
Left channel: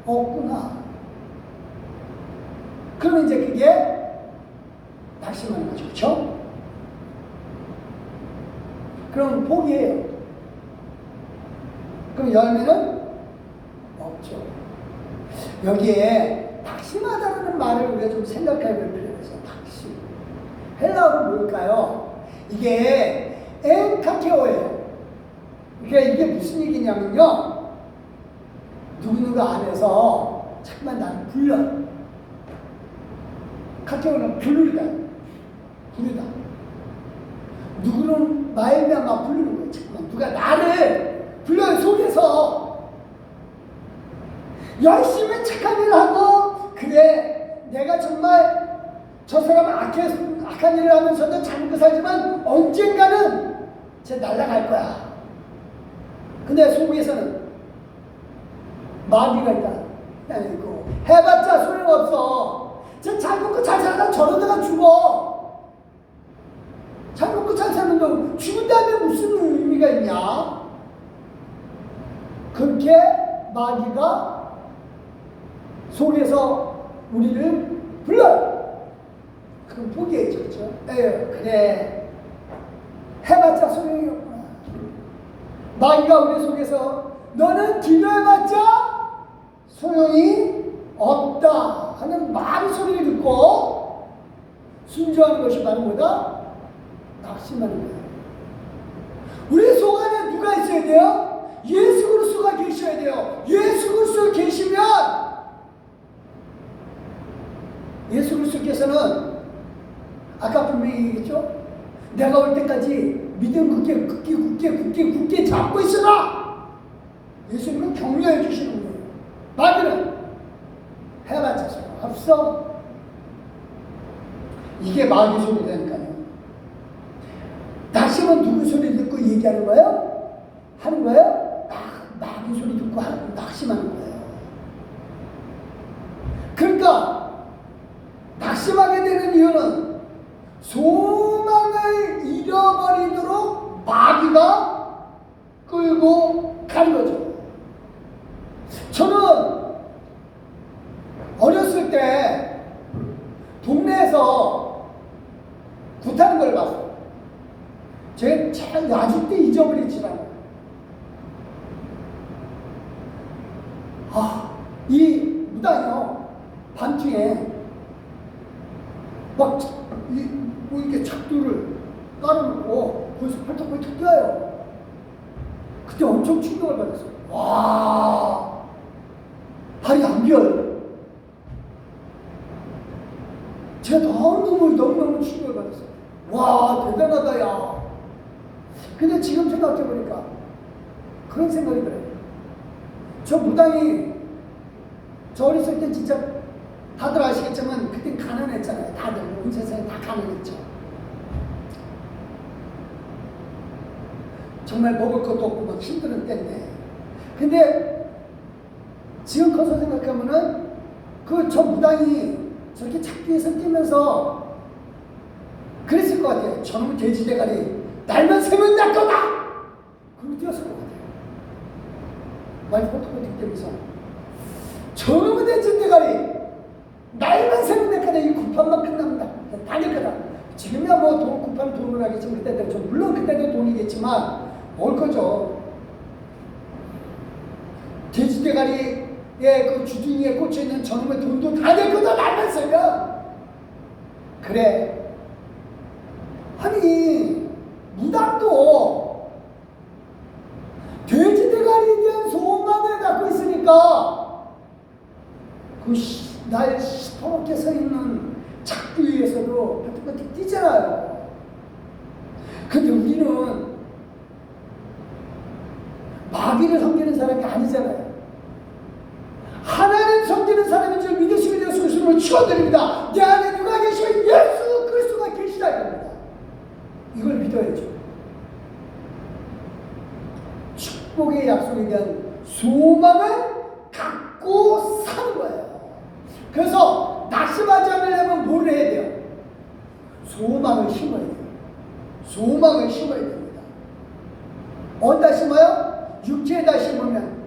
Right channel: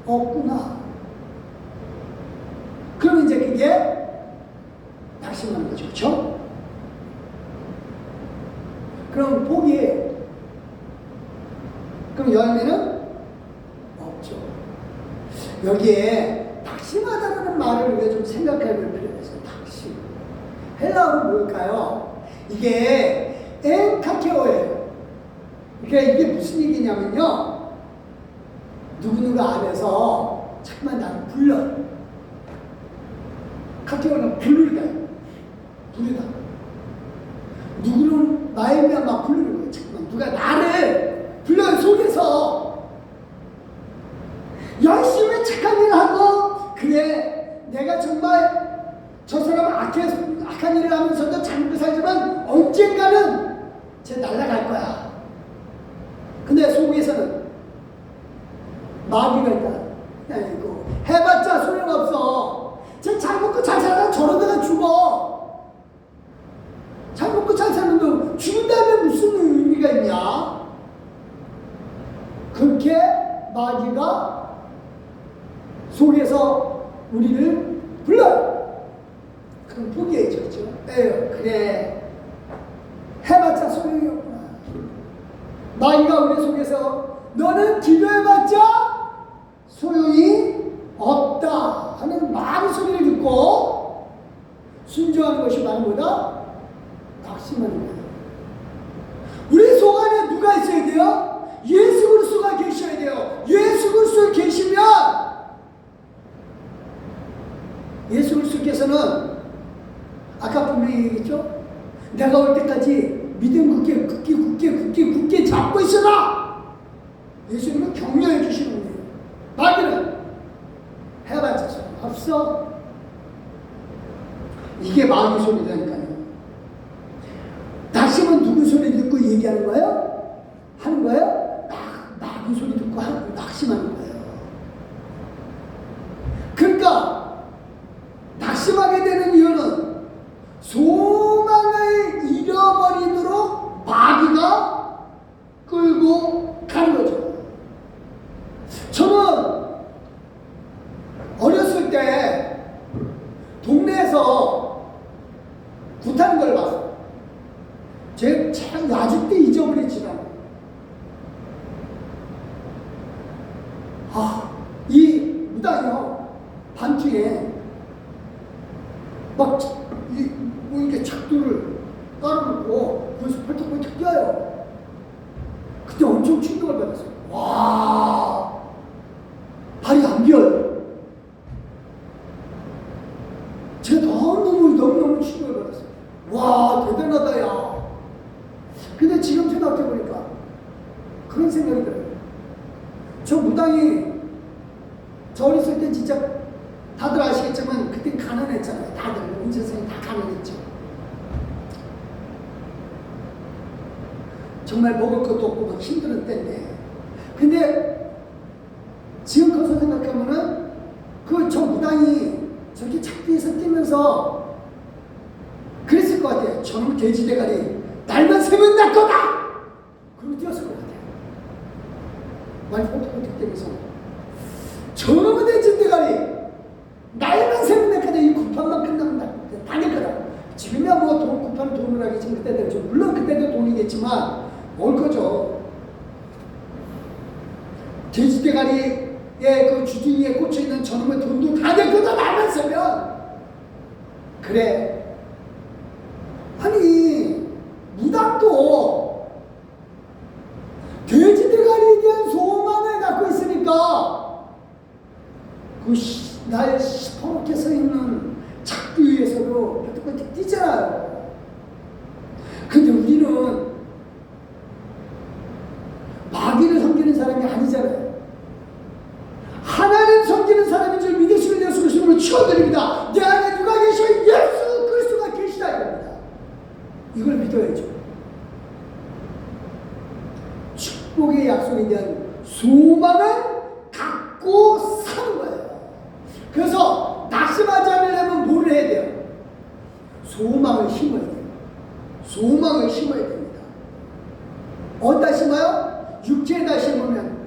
없구나. 그러면 이제 그게 낙심하는 거죠. 그렇죠? 그럼 포기해요. 그럼 열매는 없죠. 여기에 낙심하다는 말을 우리가 좀 생각해 볼 필요가 있어요. 낙심. 헬라어로 뭘까요? 이게 엔카케오예요. 그러니까 이게 무슨 얘기냐면요. 누구누구 안에서 잠깐만 나를 불러. 카케오는 부르다. 누구는 말미암아 부르는 거예요. 잠깐만 누가 나를 불러요. 속에서 열심히 착한 일을 하고 그래 내가 정말 저 사람은 악한 일을 하면서도 잘 먹고 살지만 언젠가는 쟤 날아갈 거야. 근데 속에서는 마귀가 있다. 아이고 해봤자 소용없어. 쟤 잘 먹고 잘 살아 저러다가 죽어. 잘 먹고 잘 사는데 죽은 다음에 무슨 의미가 있냐? 그렇게 마귀가 속에서 우리를 불러요. 그럼 포기했죠. 그렇죠? 그래 해봤자 소용이 없구나. 마귀가 우리 속에서 너는 기도해봤자 소용이 없다 하는 마귀 소리를 듣고 순종하는 것이 바로 뭐다? 낙심하는 거예요. 우리 속 안에 누가 있어야 돼요? 예수 그리스도가 계셔야 돼요. 예수 그리스도 계시면 예수 그리스도께서는 아까 분명히 얘기했죠? 내가 올 때까지 믿음 굳게 잡고 있으라. 예수님은 격려해 주시는 거예요. 마귀는 해봤자 없어. 이게 마귀 소리라니까요. 낙심은 누구 소리 듣고 얘기하는 거예요? 하는 거예요? 마귀 소리 듣고 듣고 낙심하는 거예요. 그러니까 낙심하게 되는 이유는 소망을 잃어버리도록 마귀가 끌고 가는 거죠. 저는 어렸을 때 동네에서 굿하는 걸 봤어요. 제가 참 아직도 잊어버리지 않아요. 이 무당이요, 반중에 막 뭐 이렇게 작두를 깔아놓고 거기서 펄쩍펄쩍 뛰어요. 그때 엄청 충격을 받았어요. 와, 발이 안 비어요. 제가 너무너무 충격을 받았어요. 와, 대단하다, 야. 근데 지금 생각해보니까 그런 생각이 들어요. 저 무당이 저 어렸을 때 진짜 다들 아시겠지만 그때 가난했잖아요. 다들 온 세상이 다 가난했죠. 정말 먹을 것도 없고 막 힘든 때인데, 근데 지금 커서 생각하면은 저 무당이 저렇게 작두에서 뛰면서 그랬을 것 같아요. 저놈 돼지 대가리 날만 새면 날 거다! 그러고 뛰었을 것 같아요. 많이 펄떡펄떡 뛰면서 저놈의 돼지 대가리 날만 새면 날 거다. 이 구판만 끝나면 다 낼 거다. 지금이야 뭐 구판 돈을 하겠지만 그때도 좀 물론 그때도 돈이겠지만 올 거죠. 돼지 대가리에 그 주둥이에 꽂혀있는 저놈의 돈도 다 낼 거다. 날만 새면. 그래. 아니 무당도 돼지 대가리에 대한 소망을 갖고 있으니까 날 시퍼렇게 서 있는 작두 위에서도 펄떡펄떡 뛰잖아요. 근데 우리는 마귀를 섬기는 사람이 아니잖아요. 하나님 섬기는 사람인 줄 믿으시면 예수 그리스도로 축원드립니다. 내 안에 누가 계셔? 예수 그리스도가 계시다 이겁니다. 이걸 믿어야죠. 축복의 약속에 대한 소망을 갖고 사는 거예요. 그래서 낙심하지 않으려면 뭐를 해야 돼요? 소망을 심어야 돼요. 소망을 심어야 됩니다. 어디다 심어요? 육체에다 심으면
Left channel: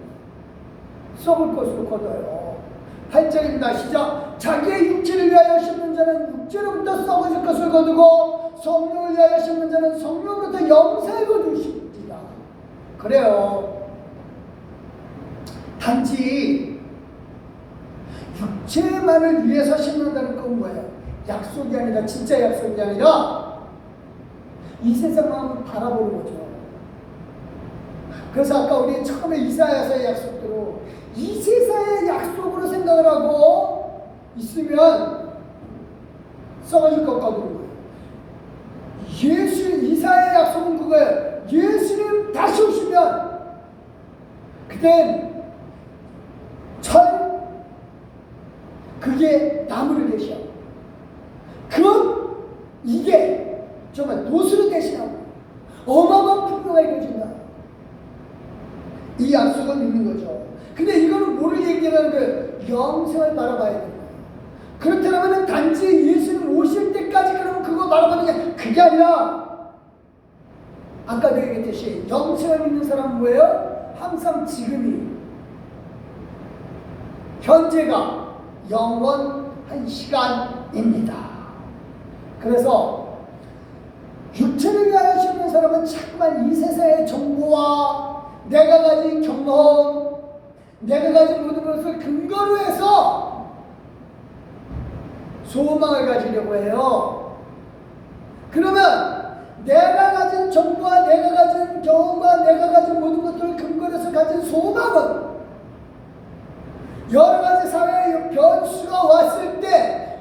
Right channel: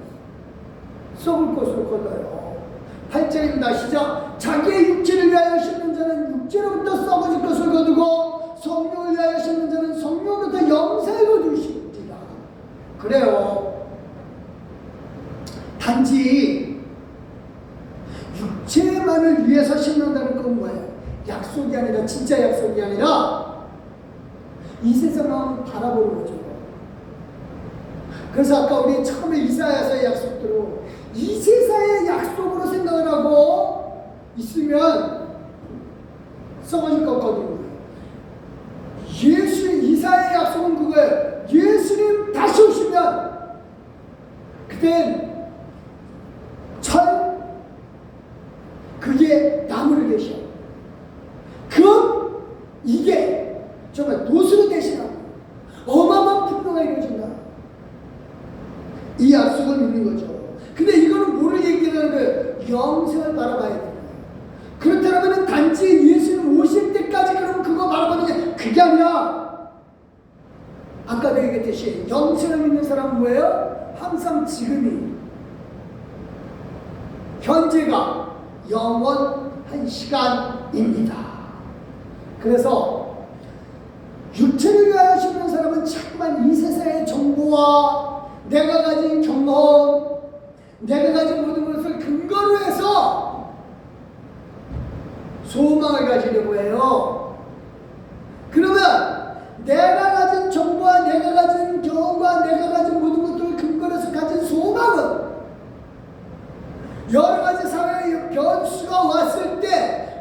썩을 것으로 거둬요. 8절입니다. 시작. 자기의 육체를 위하여 심는 자는 육체로부터 썩어질 것을 거두고 성령을 위하여 심는 자는 성령으로부터 영생을 거두시리라. 그래요. 단지 육체만을 위해서 심는다는 건 뭐예요? 약속이 아니라, 진짜 약속이 아니라 이 세상만 바라보는 거죠. 그래서 아까 우리 처음에 이사야서의 약속대로 이 세상의 약속으로 생각을 하고 있으면 썩어질 것 같거든요. 이사야의 약속은 그거예요. 예수님 다시 오시면 그땐 그게 나무를 계셔. 그럼 이게 정말 노수로 되시나 어마어마한 풍요가 이루어진다. 이 약속을 믿는 거죠. 근데 이거는 뭐를 얘기하는 거예요? 영생을 바라봐야 돼요. 그렇다면 단지 예수님 오실 때까지 그러면 그거 바라보는 게 그게 아니라 아까 내가 얘기했듯이 영생을 믿는 사람은 뭐예요? 항상 지금이 현재가 영원한 시간입니다. 그래서 육체를 위하여 심는 사람은 자꾸만 이 세상의 정보와 내가 가진 경험, 내가 가진 모든 것을 근거로 해서 소망을 가지려고 해요. 그러면 내가 가진 정보와 내가 가진 경험과 내가 가진 모든 것들을 근거로 해서 가진 소망은 여러 가지 사회의 변수가 왔을 때,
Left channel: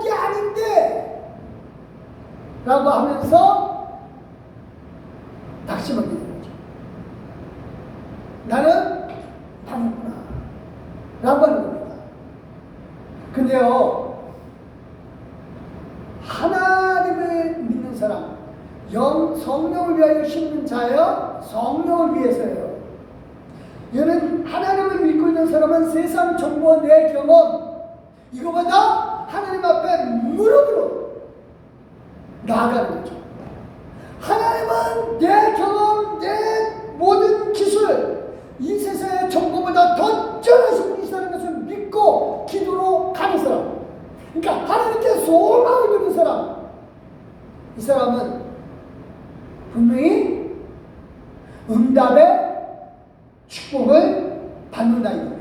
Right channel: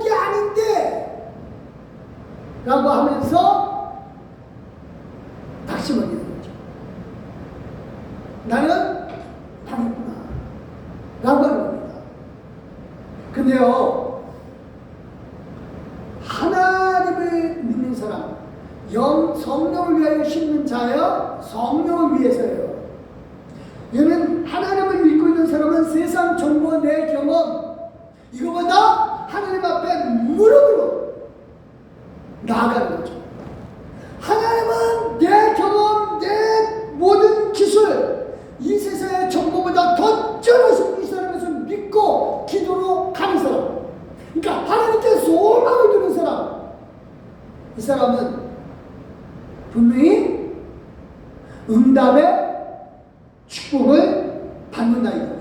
이게 아닌데! 라고 하면서 낙심을 하는 거죠. 나는 아니구나. 라고 하는 겁니다. 근데요, 하나님을 믿는 사람, 성령을 위하여 심는 자여, 성령을 위해서예요. 얘는 하나님 어떤 사람은 세상 정보, 내 경험 이거보다 하나님 앞에 무릎으로 나아가는 거죠. 하나님은 내 경험, 내 모든 기술, 이 세상의 정보보다 더 뛰어나신 분이시라는 것을 믿고 기도로 가는 사람. 그러니까 하나님께 소망을 두는 사람. 이 사람은 분명히 응답의 축복을 받는다 이겁니다.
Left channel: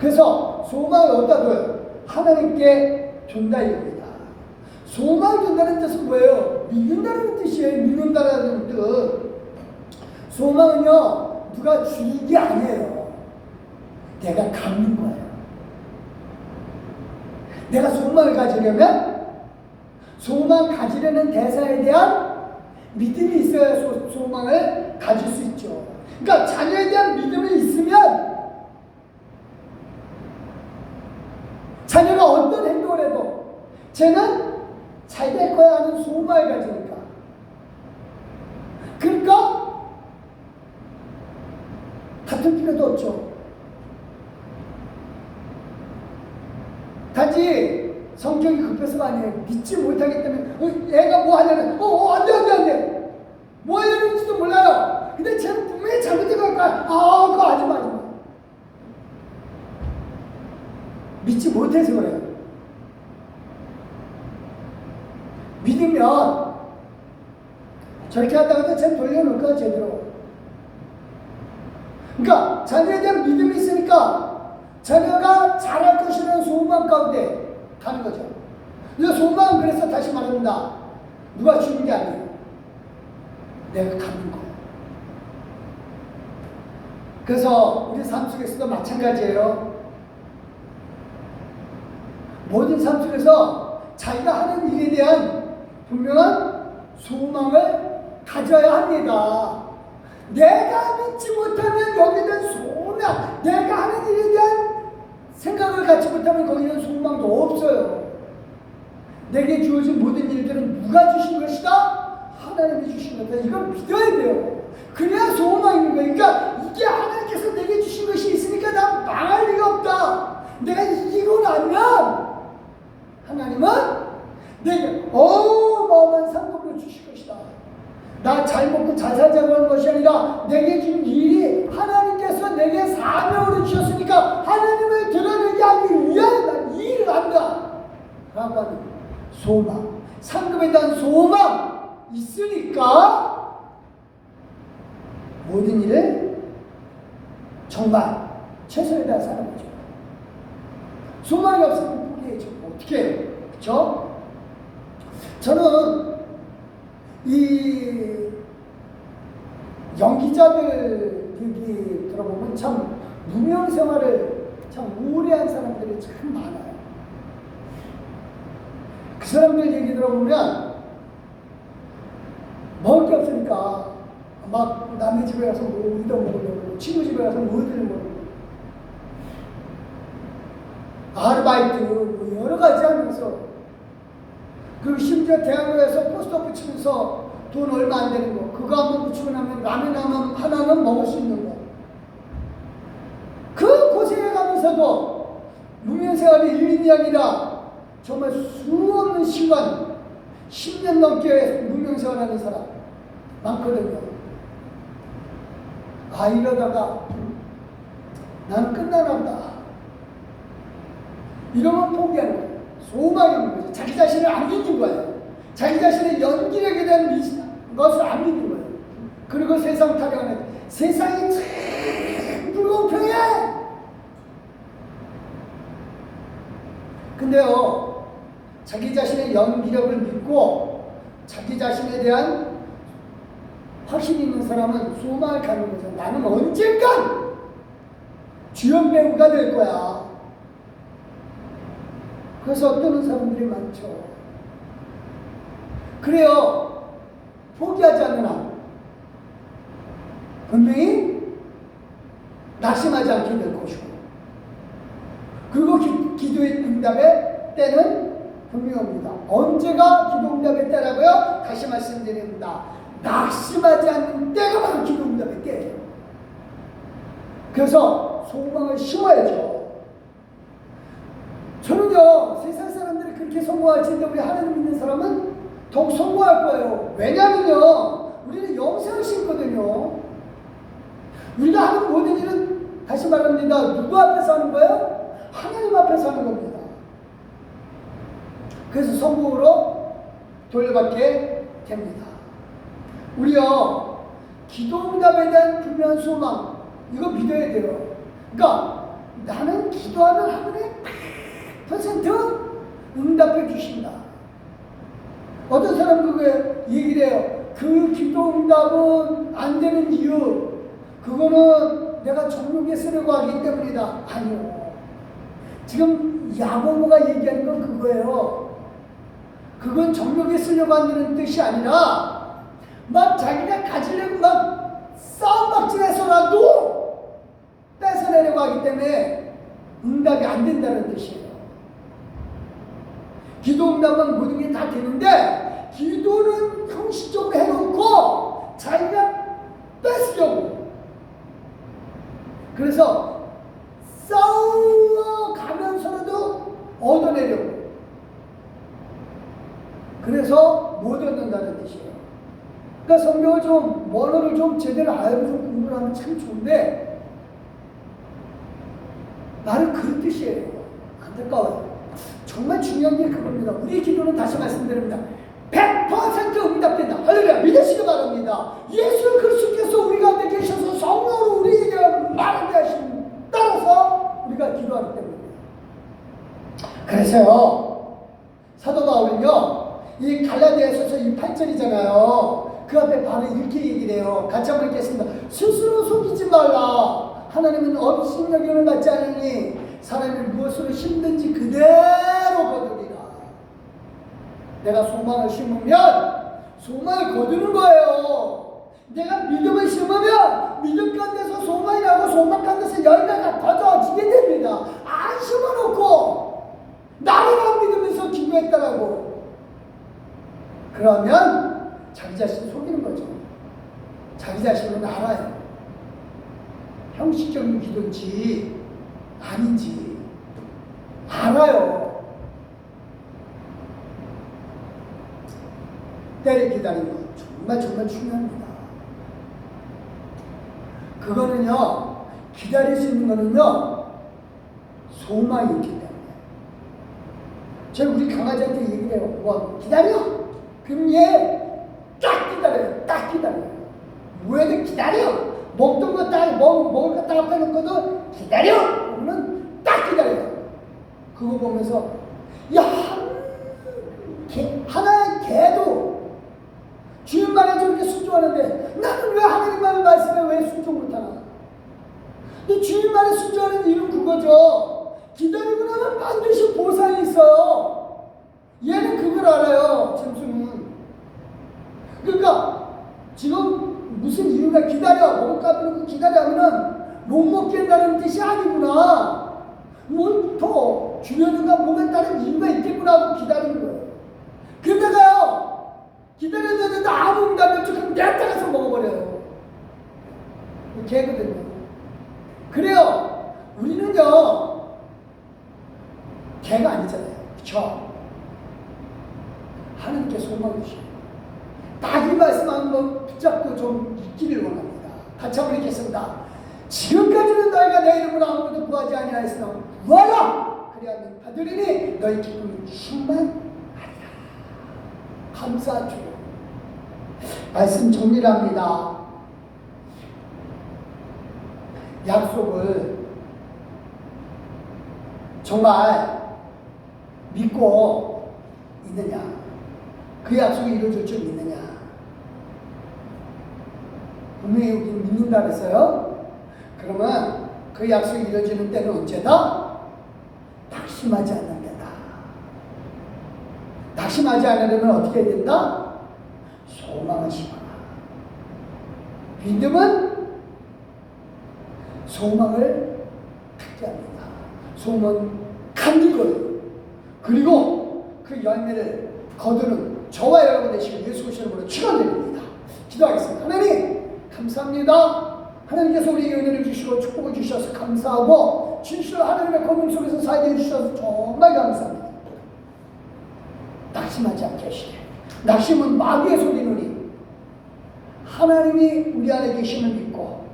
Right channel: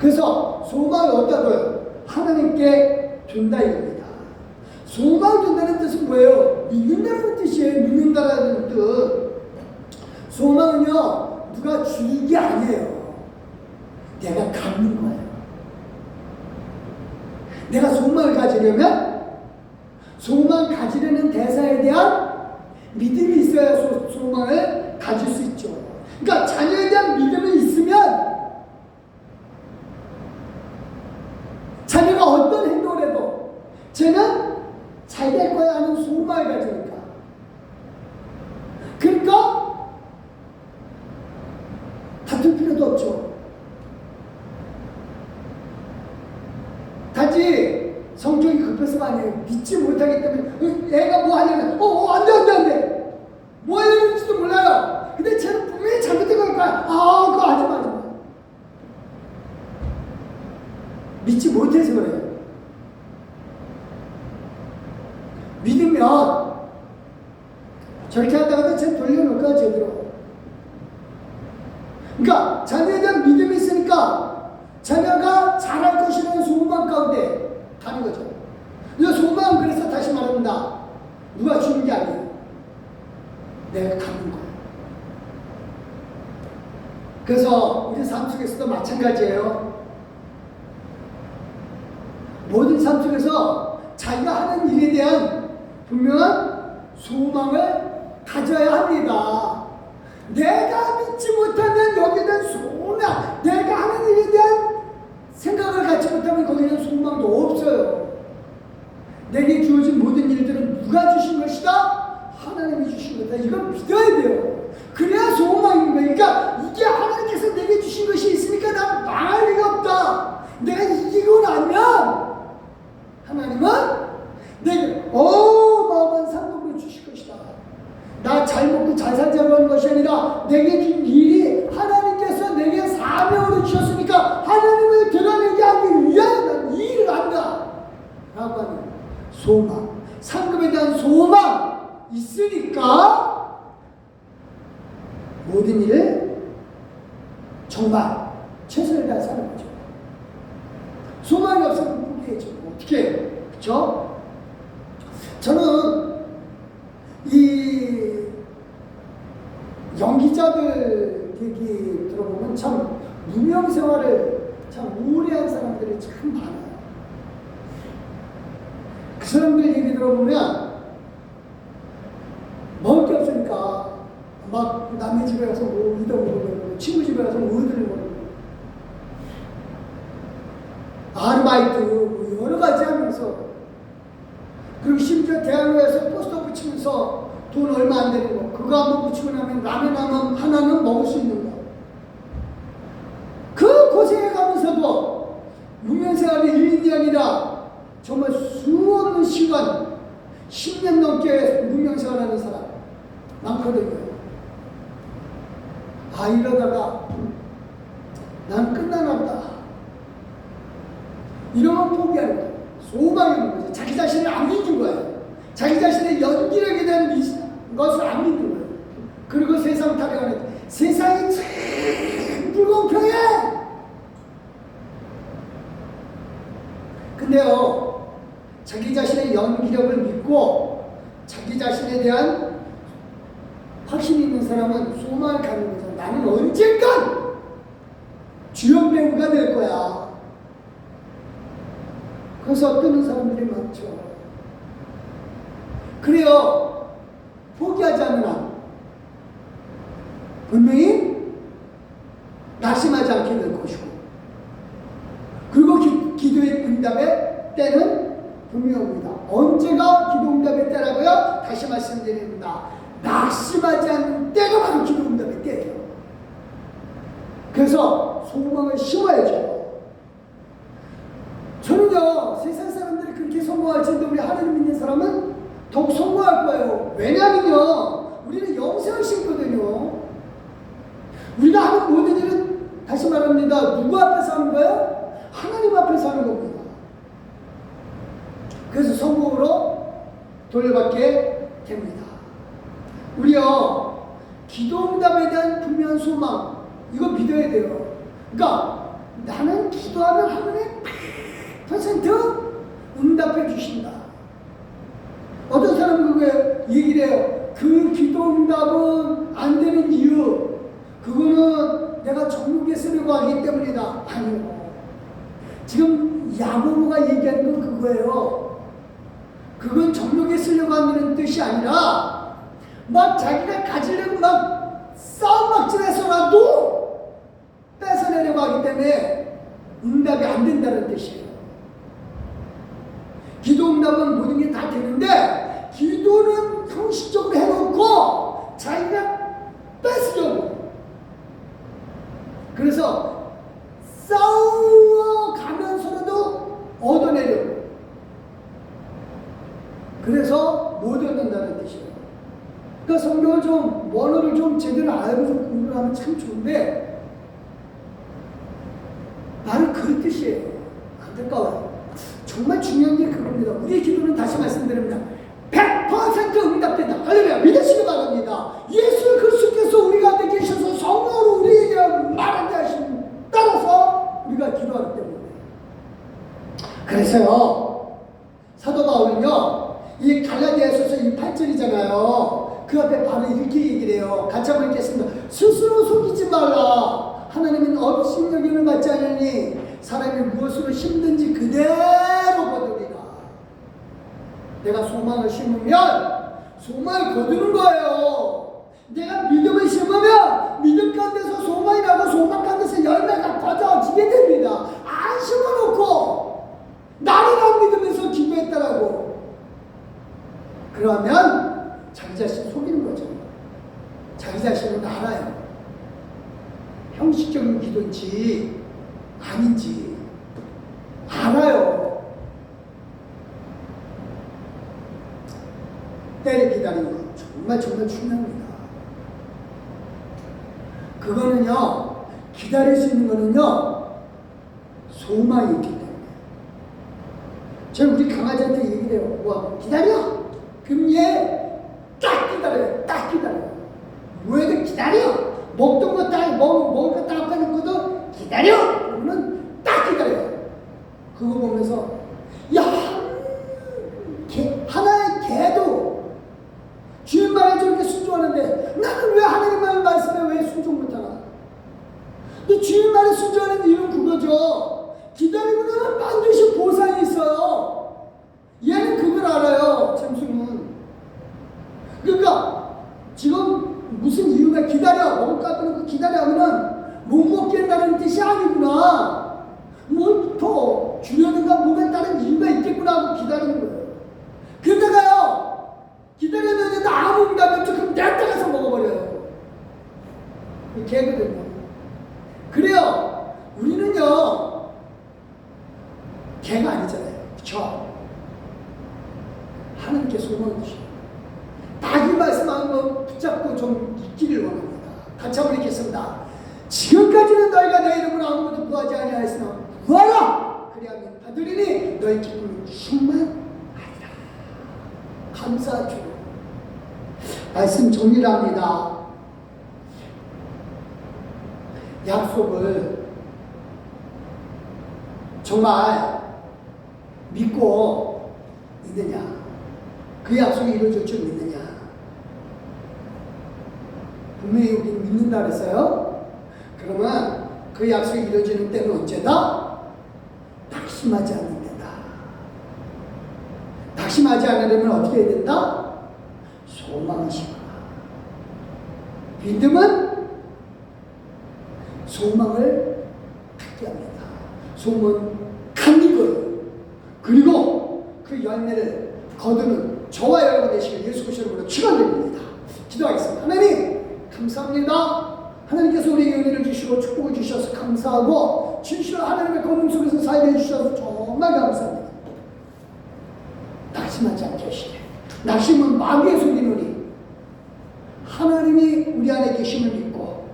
그래서 소망을 어디다둬요? 하나님께 둔다 이겁니다. 소망을 둔다는 뜻은 뭐예요? 믿는다는 뜻이에요. 믿는다는 뜻. 소망은요, 누가 주는 게 아니에요. 내가 갖는 거예요. 내가 소망을 가지려면 소망 가지려는 대상에 대한 믿음이 있어야 소망을 가질 수 있죠. 그러니까 자녀에 대한 믿음이 있으면 자녀가 어떤 행동을 해도 쟤는 잘 될 거야 하는 소망을 가지니까. 그러니까 다툴 필요도 없죠. 단지 성격이 급해서가 아니에요. 믿지 못하기 때문에 애가 뭐 하냐면 안돼 뭐 해야 되는지도 몰라요. 근데 쟤는 분명히 잘못된 거니까 그거 하지 마. 믿지 못해서 그래요. 믿으면 저렇게 하다가도 쟤 돌려놓을까 제대로. 그러니까 자녀에 대한 믿음이 있으니까 자녀가 잘할 것이라는 소망 가운데 가는 거죠. 그래서 소망은 그래서 다시 말합니다. 누가 주는 게 아니에요. 내가 갖는 거예요. 그래서 우리 삶 속에서도 마찬가지예요. 모든 삶 속에서 자기가 하는 일에 대한 분명한 소망을 가져야 합니다. 내가 믿지 못하면 여기는 소망, 내가 하는 일에 대한 생각을 갖지 못하면 거기는 소망도 없어요. 내게 주어진 모든 일들은 누가 주신 것이다? 하나님이 주신 것이다. 이걸 믿어야 돼요. 그래야 소망인 거예요. 그러니까 이게 하나님께서 내게 주신 것이 있으니까 난 망할 리가 없다. 내가 이기고 나면 하나님은 내게 어마어마한 상급을 주실 것이다. 나 잘 먹고 잘 살자고 하는 것이 아니라 내게 준 일이 하나님께서 내게 사명으로 주셨으니까 하나님을 드러내게 하기 위하여 난 이 일을 한다 라고 하는 소망, 상급에 대한 소망 있으니까 모든 일을 정말 최선을 다해 사는 거죠. 소망이 없으면 포기해죠. 어떻게 해요? 그렇죠? 저는 이 연기자들 얘기 들어보면 참 무명 생활을 참 오래 한 사람들이 참 많아요. 그 사람들 얘기 들어보면 먹을 게 없으니까 막 남의 집에 가서 뭐 얻어먹으려고, 친구 집에 가서 뭐 얻으려고, 아르바이트 뭐 여러 가지 하면서, 그리고 심지어 대학로에서 포스터 붙이면서 돈 얼마 안 되는 거 그거 한번 붙이고 나면 라면 하나는 먹을 수 있는 거, 그 고생해 가면서도 무명생활이 1년이 아니라 정말 수없는 시간 10년 넘게 무명생활하는 사람 많거든요. 이러다가 난 끝나나 보다 이러면 포기하는 거예요. 소망이 있는 거죠. 자기 자신을 안 믿는 거예요. 자기 자신의 연기력에 대한 것을 안 믿는 거예요. 그리고 세상 타령하는, 세상이 참 불공평해. 근데요, 자기 자신의 연기력을 믿고 자기 자신에 대한 확신 있는 사람은 소망을 갖는 거죠. 나는 언젠간 주연 배우가 될 거야. 그래서 뜨는 사람들이 많죠. 그래요. 포기하지 않는 한 분명히 낙심하지 않게 될 것이고, 그리고 기도의 응답의 때는 분명히 옵니다. 언제가 기도 응답의 때라고요? 다시 말씀드립니다. 낙심하지 않는 때가 바로 기도 응답의 때예요. 그래서 소망을 심어야죠. 저는요, 세상 사람들이 그렇게 성공할지도 우리 하나님 믿는 사람은 더욱 성공할 거예요. 왜냐면요, 우리는 영생을 심거든요. 우리가 하는 모든 일은, 다시 말합니다, 누구 앞에서 하는 거예요? 하나님 앞에서 하는 겁니다. 그래서 성공으로 돌려받게 됩니다. 우리요, 기도응답에 대한 분명한 소망, 이거 믿어야 돼요. 그러니까 나는 기도하면 하나님 100% 응답해 주신다. 어떤 사람은 그게 얘기를 해요. 그 기도응답은 안 되는 이유, 그거는 내가 정욕에 쓰려고 하기 때문이다. 아니요. 지금 야고보가 얘기하는 건 그거예요. 그건 정욕에 쓰려고 한다는 뜻이 아니라 막 자기가 가지려고 막 싸움박질해서라도 뺏어내려고 하기 때문에 응답이 안 된다는 뜻이에요. 기도 응답은 모든 게 다 되는데 기도는 형식적으로 해놓고 자기가 뺏으려고, 그래서 싸워가면서라도 얻어내려고, 그래서 못 얻는다는 뜻이에요. 그러니까 성경을 좀, 원어를 좀 제대로 알고 좀 공부를 하면 참 좋은데 나는 그 뜻이에요. 안타까워요. 정말 중요한 게 그겁니다. 우리의 기도는, 다시 말씀드립니다, 100% 응답된다. 할렐루야. 믿으시기 바랍니다. 예수 그리스도께서 우리 가운데 계셔서 성령으로 우리에게 말하게 하신 따라서 우리가 기도하기 때문에. 그래서요, 사도 바울은요, 이 갈라디아서서 이 8절이잖아요. 그 앞에 바로 이렇게 얘기를 해요. 같이 한번 읽겠습니다. 스스로 속이지 말라. 하나님은 업신여김을 받지 않으니 사람이 무엇으로 심든지 그대로 거두리라. 내가 소망을 심으면 소망을 거두는 거예요. 내가 믿음을 심으면 믿음 가운데서 소망이 나고 소망 가운데서 열매가 거둬지게 됩니다. 안 심어놓고 나를 안 믿으면서 기도했다라고, 그러면 자기 자신 속이는 거죠. 자기 자신은 알아요. 형식적인 기도인지 아닌지 알아요. 때를 기다리는 것 정말 중요합니다. 그거는요, 기다릴 수 있는 거는요, 소망이 있기 때문에. 저는 우리 강아지한테 얘기를 해요. 뭐 기다려. 그럼 얘 딱 기다려요. 딱 기다려요. 뭐해도 기다려. 먹던 거 딱, 먹을 거 딱 앞에 놓은 것도 기다려. 그러면 딱 기다려요. 그거 보면서, 야, 하나의 개도 주인 말에 저렇게 순종하는데 나는 왜 하나님 말씀에 왜 순종 못하나? 근데 주인 말에 순종하는 이유는 그거죠. 기다리고 나면 반드시 보상이 있어요. 얘는 그걸 알아요. 잠수는. 그러니까 지금 무슨 이유가, 기다려, 먹을 거 앞에 놓고 기다려 하면은 못 먹게 한다는 뜻이 아니구나. 뭘 더 주려는가 몸에 따른 이유가 있겠구나 하고 기다리는 거예요. 그러다가요, 기다렸는데 아무 응답이 없죠. 그럼 내가 따라서 먹어버려요. 개거든요. 그래요. 우리는요, 개가 아니잖아요. 그쵸? 하나님께 소망을 주시고 딱 이 말씀하는 거 붙잡고 좀 있기를 원합니다. 같이 한번 읽겠습니다. 지금까지는 너희가 내 이름으로 아무것도 구하지 아니하였으나 구하라! 그리하면 받으리니 너희 기쁨은 충만하리라. 감사하죠. 말씀 정리합니다. 약속을 정말 믿고 있느냐? 그 약속이 이루어질 줄 믿느냐? 분명히 우리는 믿는다 그랬어요. 그러면 그 약속이 이루어지는 때는 언제다? 낙심하지 않는 데다. 낙심하지 않으려면 어떻게 해야 된다? 소망을 심어라. 믿음은 소망을 갖게 합니다. 소망은 간직을, 그리고 그 열매를 거두는 저와 여러분 되시길 예수 그리스도로 축원드립니다. 기도하겠습니다. 하나님 감사합니다. 하나님께서 우리에게 은혜를 주시고 축복을 주셔서 감사하고 진실로 하나님의 권능 속에서 살게 해주셔서 정말 감사합니다. 낙심하지 않게 하시게. 낙심은 마귀의 소리누리. 하나님이 우리 안에 계심을 믿고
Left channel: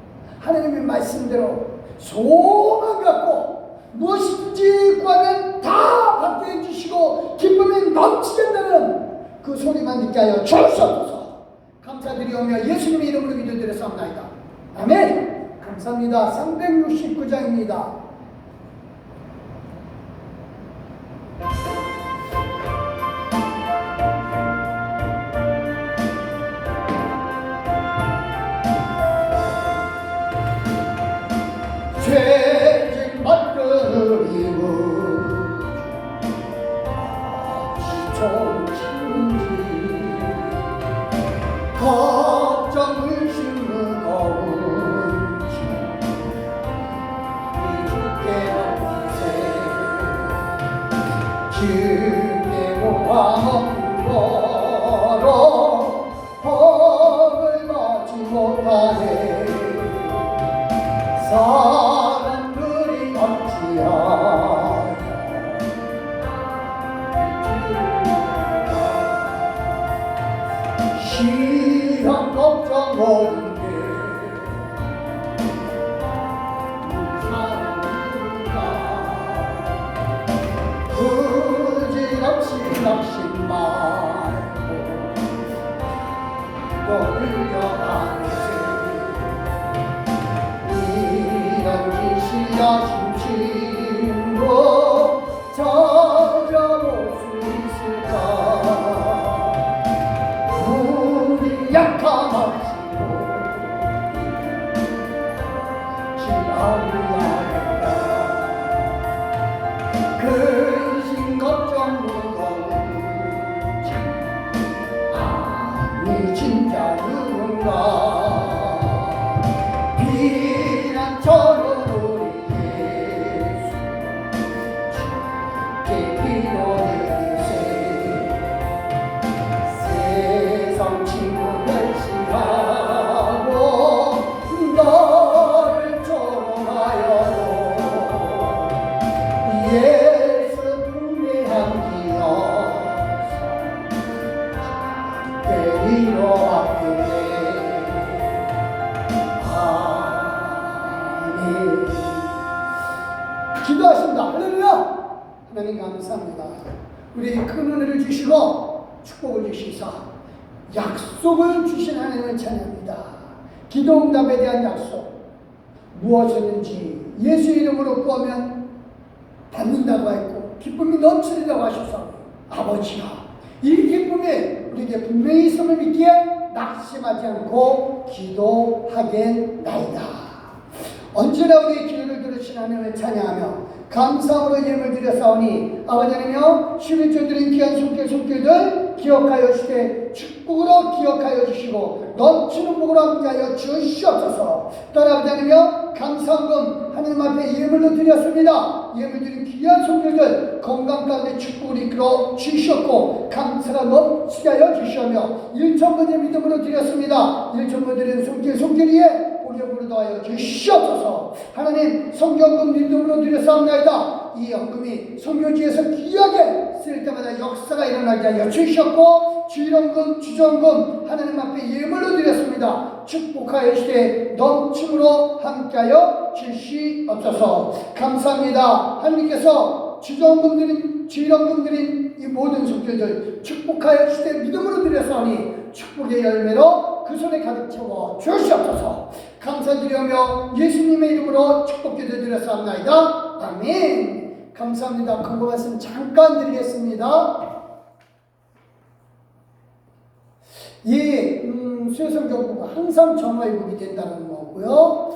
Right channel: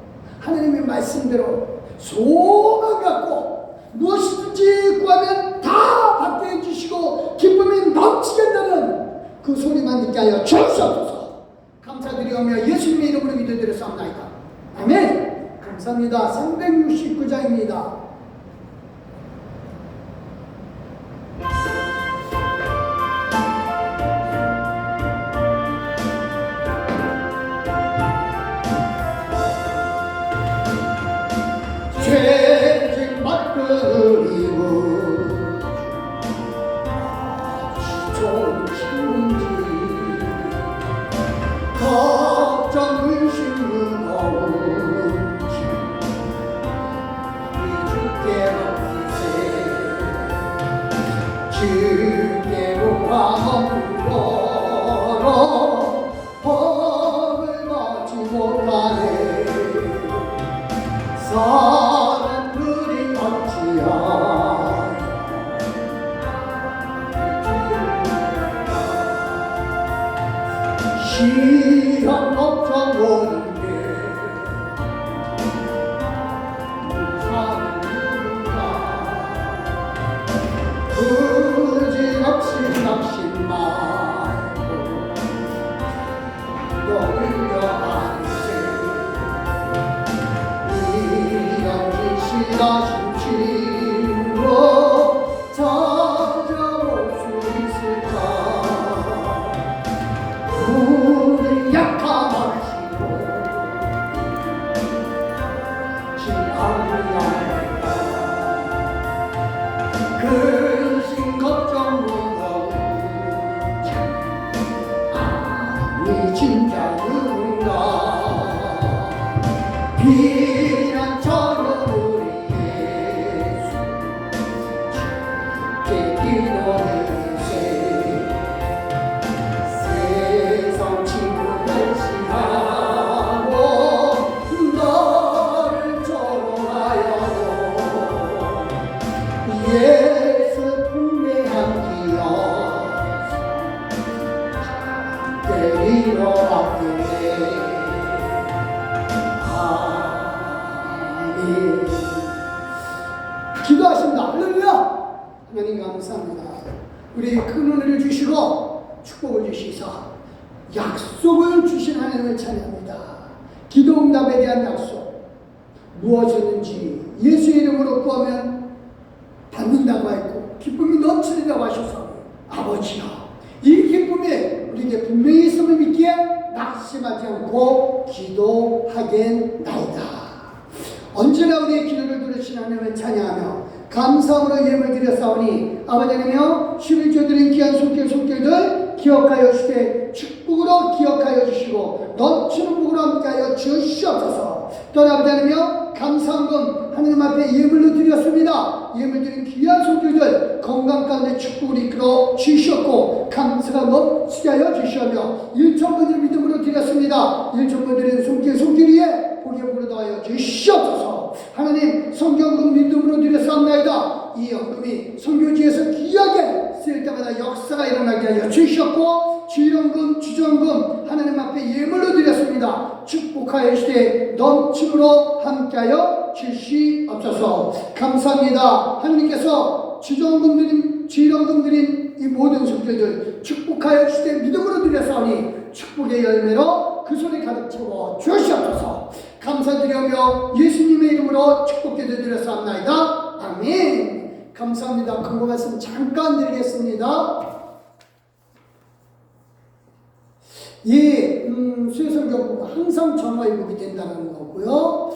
하나님의 말씀대로 소망 갖고 무엇이든지 구하면 다 받게 해주시고 기쁨이 넘치게 한다는 그 소리만 듣게 하여 주옵소서. 감사드리오며 예수님의 이름으로 기도드렸사옵나이다. 아멘. 감사합니다. 369장입니다. 죄진 맞들이고 정신지 걱정 의심은 없는지 주께 맡기세 주께로 화없는 거로 법을 맞지 못하네 사람들이 어찌하여 시험 걱정 없는데 부질없이 낙심 말고 너를 여하세 이런 기시하신 힘으로 찾아올 수 있을까 우리 약함하시고 기억나겠다 근심 걱정 무거운 아니 진짜 누군가 비난처럼 우리 예수 주께 기도해주세 세상 친구 멸시하고 너를 조롱하여도 예수 품에 함기어서 주께 이뤄왔겠네 기도하십니다. 할렐루야. 하나님 감사합니다. 우리에게 큰 은혜를 주시고 축복을 주시사 약속을 주신 하나님을 찬양합니다. 기도 응답에 대한 약속 무엇이든지 예수 이름으로 구하면 받는다고 했고 기쁨이 넘치리라고 하셔서 아버지야 이 기쁨이 우리에게 분명히 있음을 믿기에 낙심하지 않고 기도하겠나이다. 언제나 우리의 기도를 들으신 하나님을 찬양하며 감사함으로 예물 드렸사오니 아버지 하나님이여 11조 드린 귀한 손길들 기억하여 주시되 축복으로 기억하여 주시고 넘치는 복으로 함께하여 주시옵소서. 또 아버지 하나님이여 감사함금 하나님 앞에 예물로 드렸습니다. 예물 드린 귀한 손길들 건강 가운데 축복을 이끌어 주시었고 감사가 넘치게 하여 주시오며 1천번째 믿음으로 드렸습니다. 1천번 드린 손길 위에 우리의 더하여 주시옵소서. 하나님 성경금 믿음으로 드렸사옵나이다. 이 연금이 선교지에서 귀하게 쓰일 때마다 역사가 일어나게 하여 주시옵고 주일원금 주정금 하나님 앞에 예물로 드렸습니다. 축복하여 시대 넘침으로 함께하여 주시옵소서. 감사합니다. 하나님께서 주정금 드린 주일원금 드린 이 모든 손길들 축복하여 시대 믿음으로 드렸사오니 축복의 열매로 그 손에 가득 채워 주시옵소서. 감사드리며 예수님의 이름으로 축복기도 드렸사옵나이다. 아멘. 감사합니다. 광고 말씀 잠깐 드리겠습니다. 수요성경부가 항상 정화일국이 된다는 거고요.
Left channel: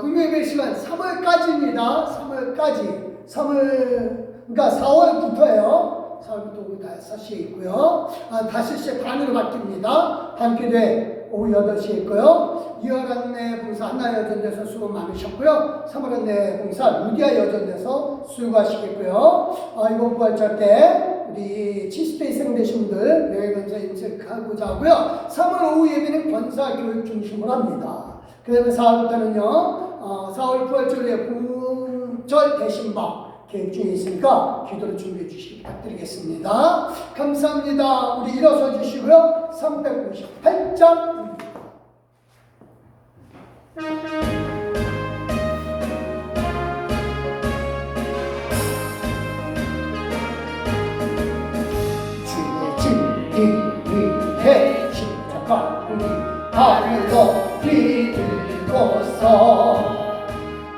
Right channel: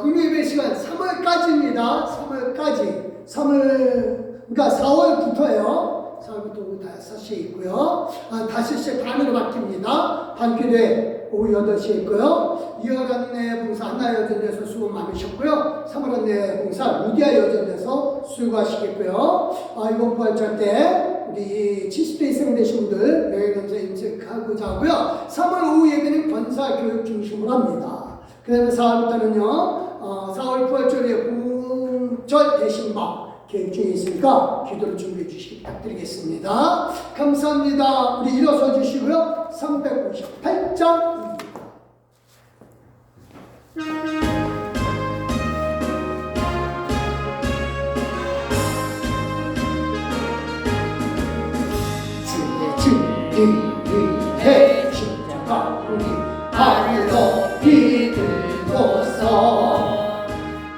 금요일 시간 3월까지입니다. 3월까지. 그러니까 4월부터예요. 4월부터 5시에 있고요. 5시 반으로 바뀝니다. 단기대 오후 8시에 있고요. 2월 안내 봉사 한나여전에서 수고 많으셨고요. 3월 안내 봉사 루디아 여전에서 수고하시겠고요. 이번 부활절 때 우리 70대 이상 되신 분들 매일면서 인식하고자 하고요. 3월 오후 예배는 권사 교육 중심으로 합니다. 그다음에 4월부터는요 4월 부활절에 부흥절 대신마 계획 중에 있으니까 기도를 준비해 주시기 부탁드리겠습니다. 감사합니다. 우리 일어서 주시고요. 358장 주의 진리 위해 십자가 우리 발을 높이 들고서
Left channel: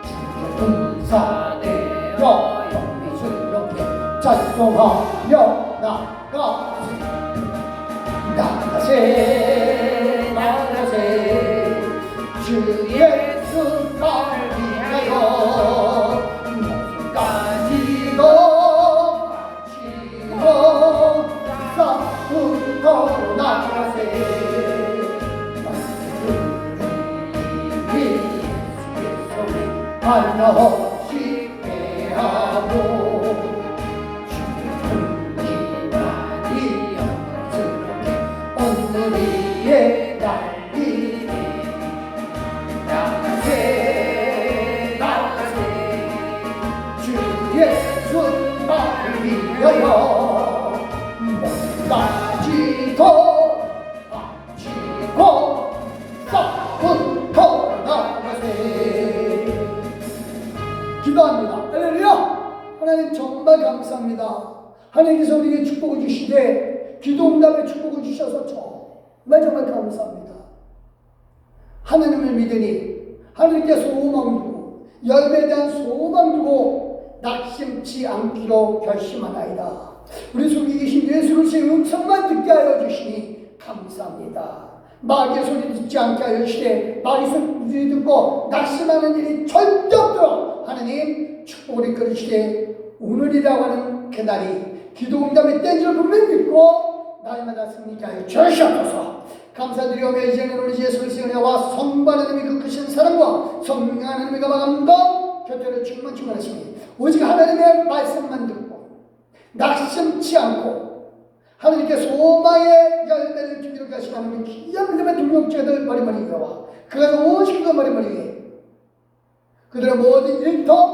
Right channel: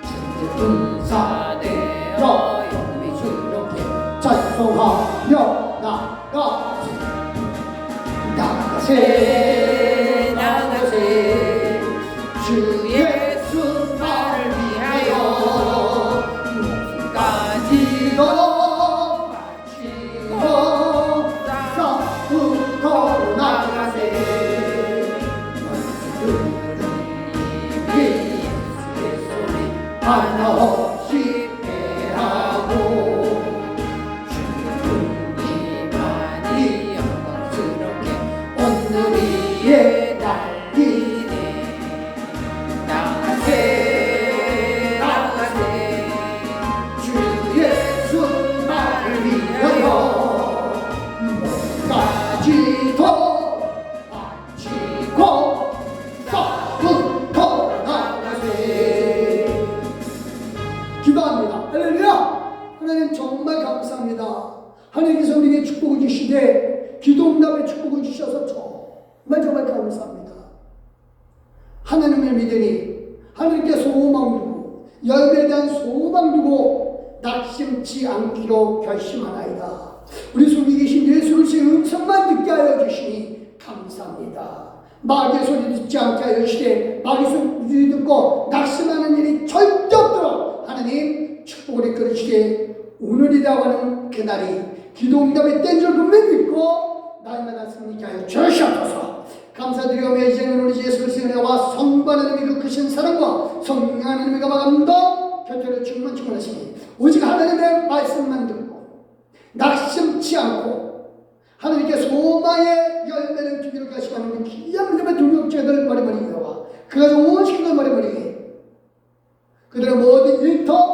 주의 군사되어 영미스럽게 찬송하며 나가세 주 예수 나를 위하여 싸움부터 나가세 하나 없이 패하고 주의 많이 영광스럽게 오늘 위에 달리네 나가세 주 예수 나를 위하여 몸까지도 바치고 싸움부터 나가세 기도합니다. 할렐루야. 하나님 정말 감사합니다. 하나님께서 우리에게 축복을 주시되 기도 응답에 축복을 주셔서 정말 감사합니다. 하나님을 믿으니 하나님께 소망 두고 열매에 대한 소망 두고 낙심치 않기로 결심하나이다. 우리 속에 계신 예수 그리스도의 음성만 듣게 하여 주시니 감사합니다. 마귀의 소리 듣지 않게 하여 주시되 마귀의 소리 듣고 낙심하는 일이 절대 없도록 하나님 축복을 이끌어 주시되 오늘이라고 하는 그날이 기도 응답의 때인 줄 분명히 믿고 날마다 승리케 하여 주시옵소서. 감사드리오며 이제는 우리 예수 그리스도의 은혜와 성부 하나님의 그 크신 사랑과 성령 하나님의 감화감동 곁에를 충만하시니 오직 하나님의 말씀만 듣고 낙심치 않고 하나님께 소망의 열매를 주기로 하시는 귀한 믿음의 동역자들 머리머리 이어와 그가 온 식구들 머리머리 그들의 모든 일터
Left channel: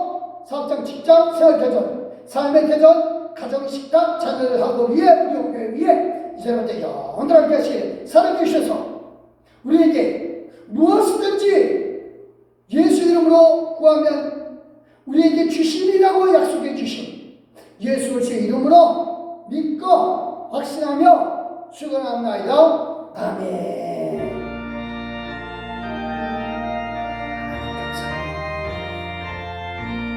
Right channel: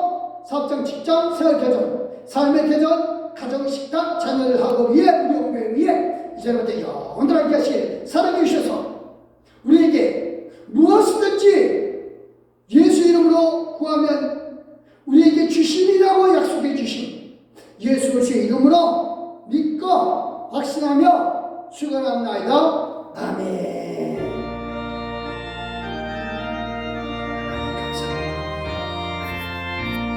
사업장 직장 생활개전 삶의 개전 가정식탁 자녀하고 위에 우리 교회 위에 이제부터 영원하게 하시길 사랑해 주셔서 우리에게 무엇이든지 예수 이름으로 구하면 우리에게 주시리라고 약속해 주신 예수 그리스도의 이름으로 믿고 확신하며 축원합니다. 아멘.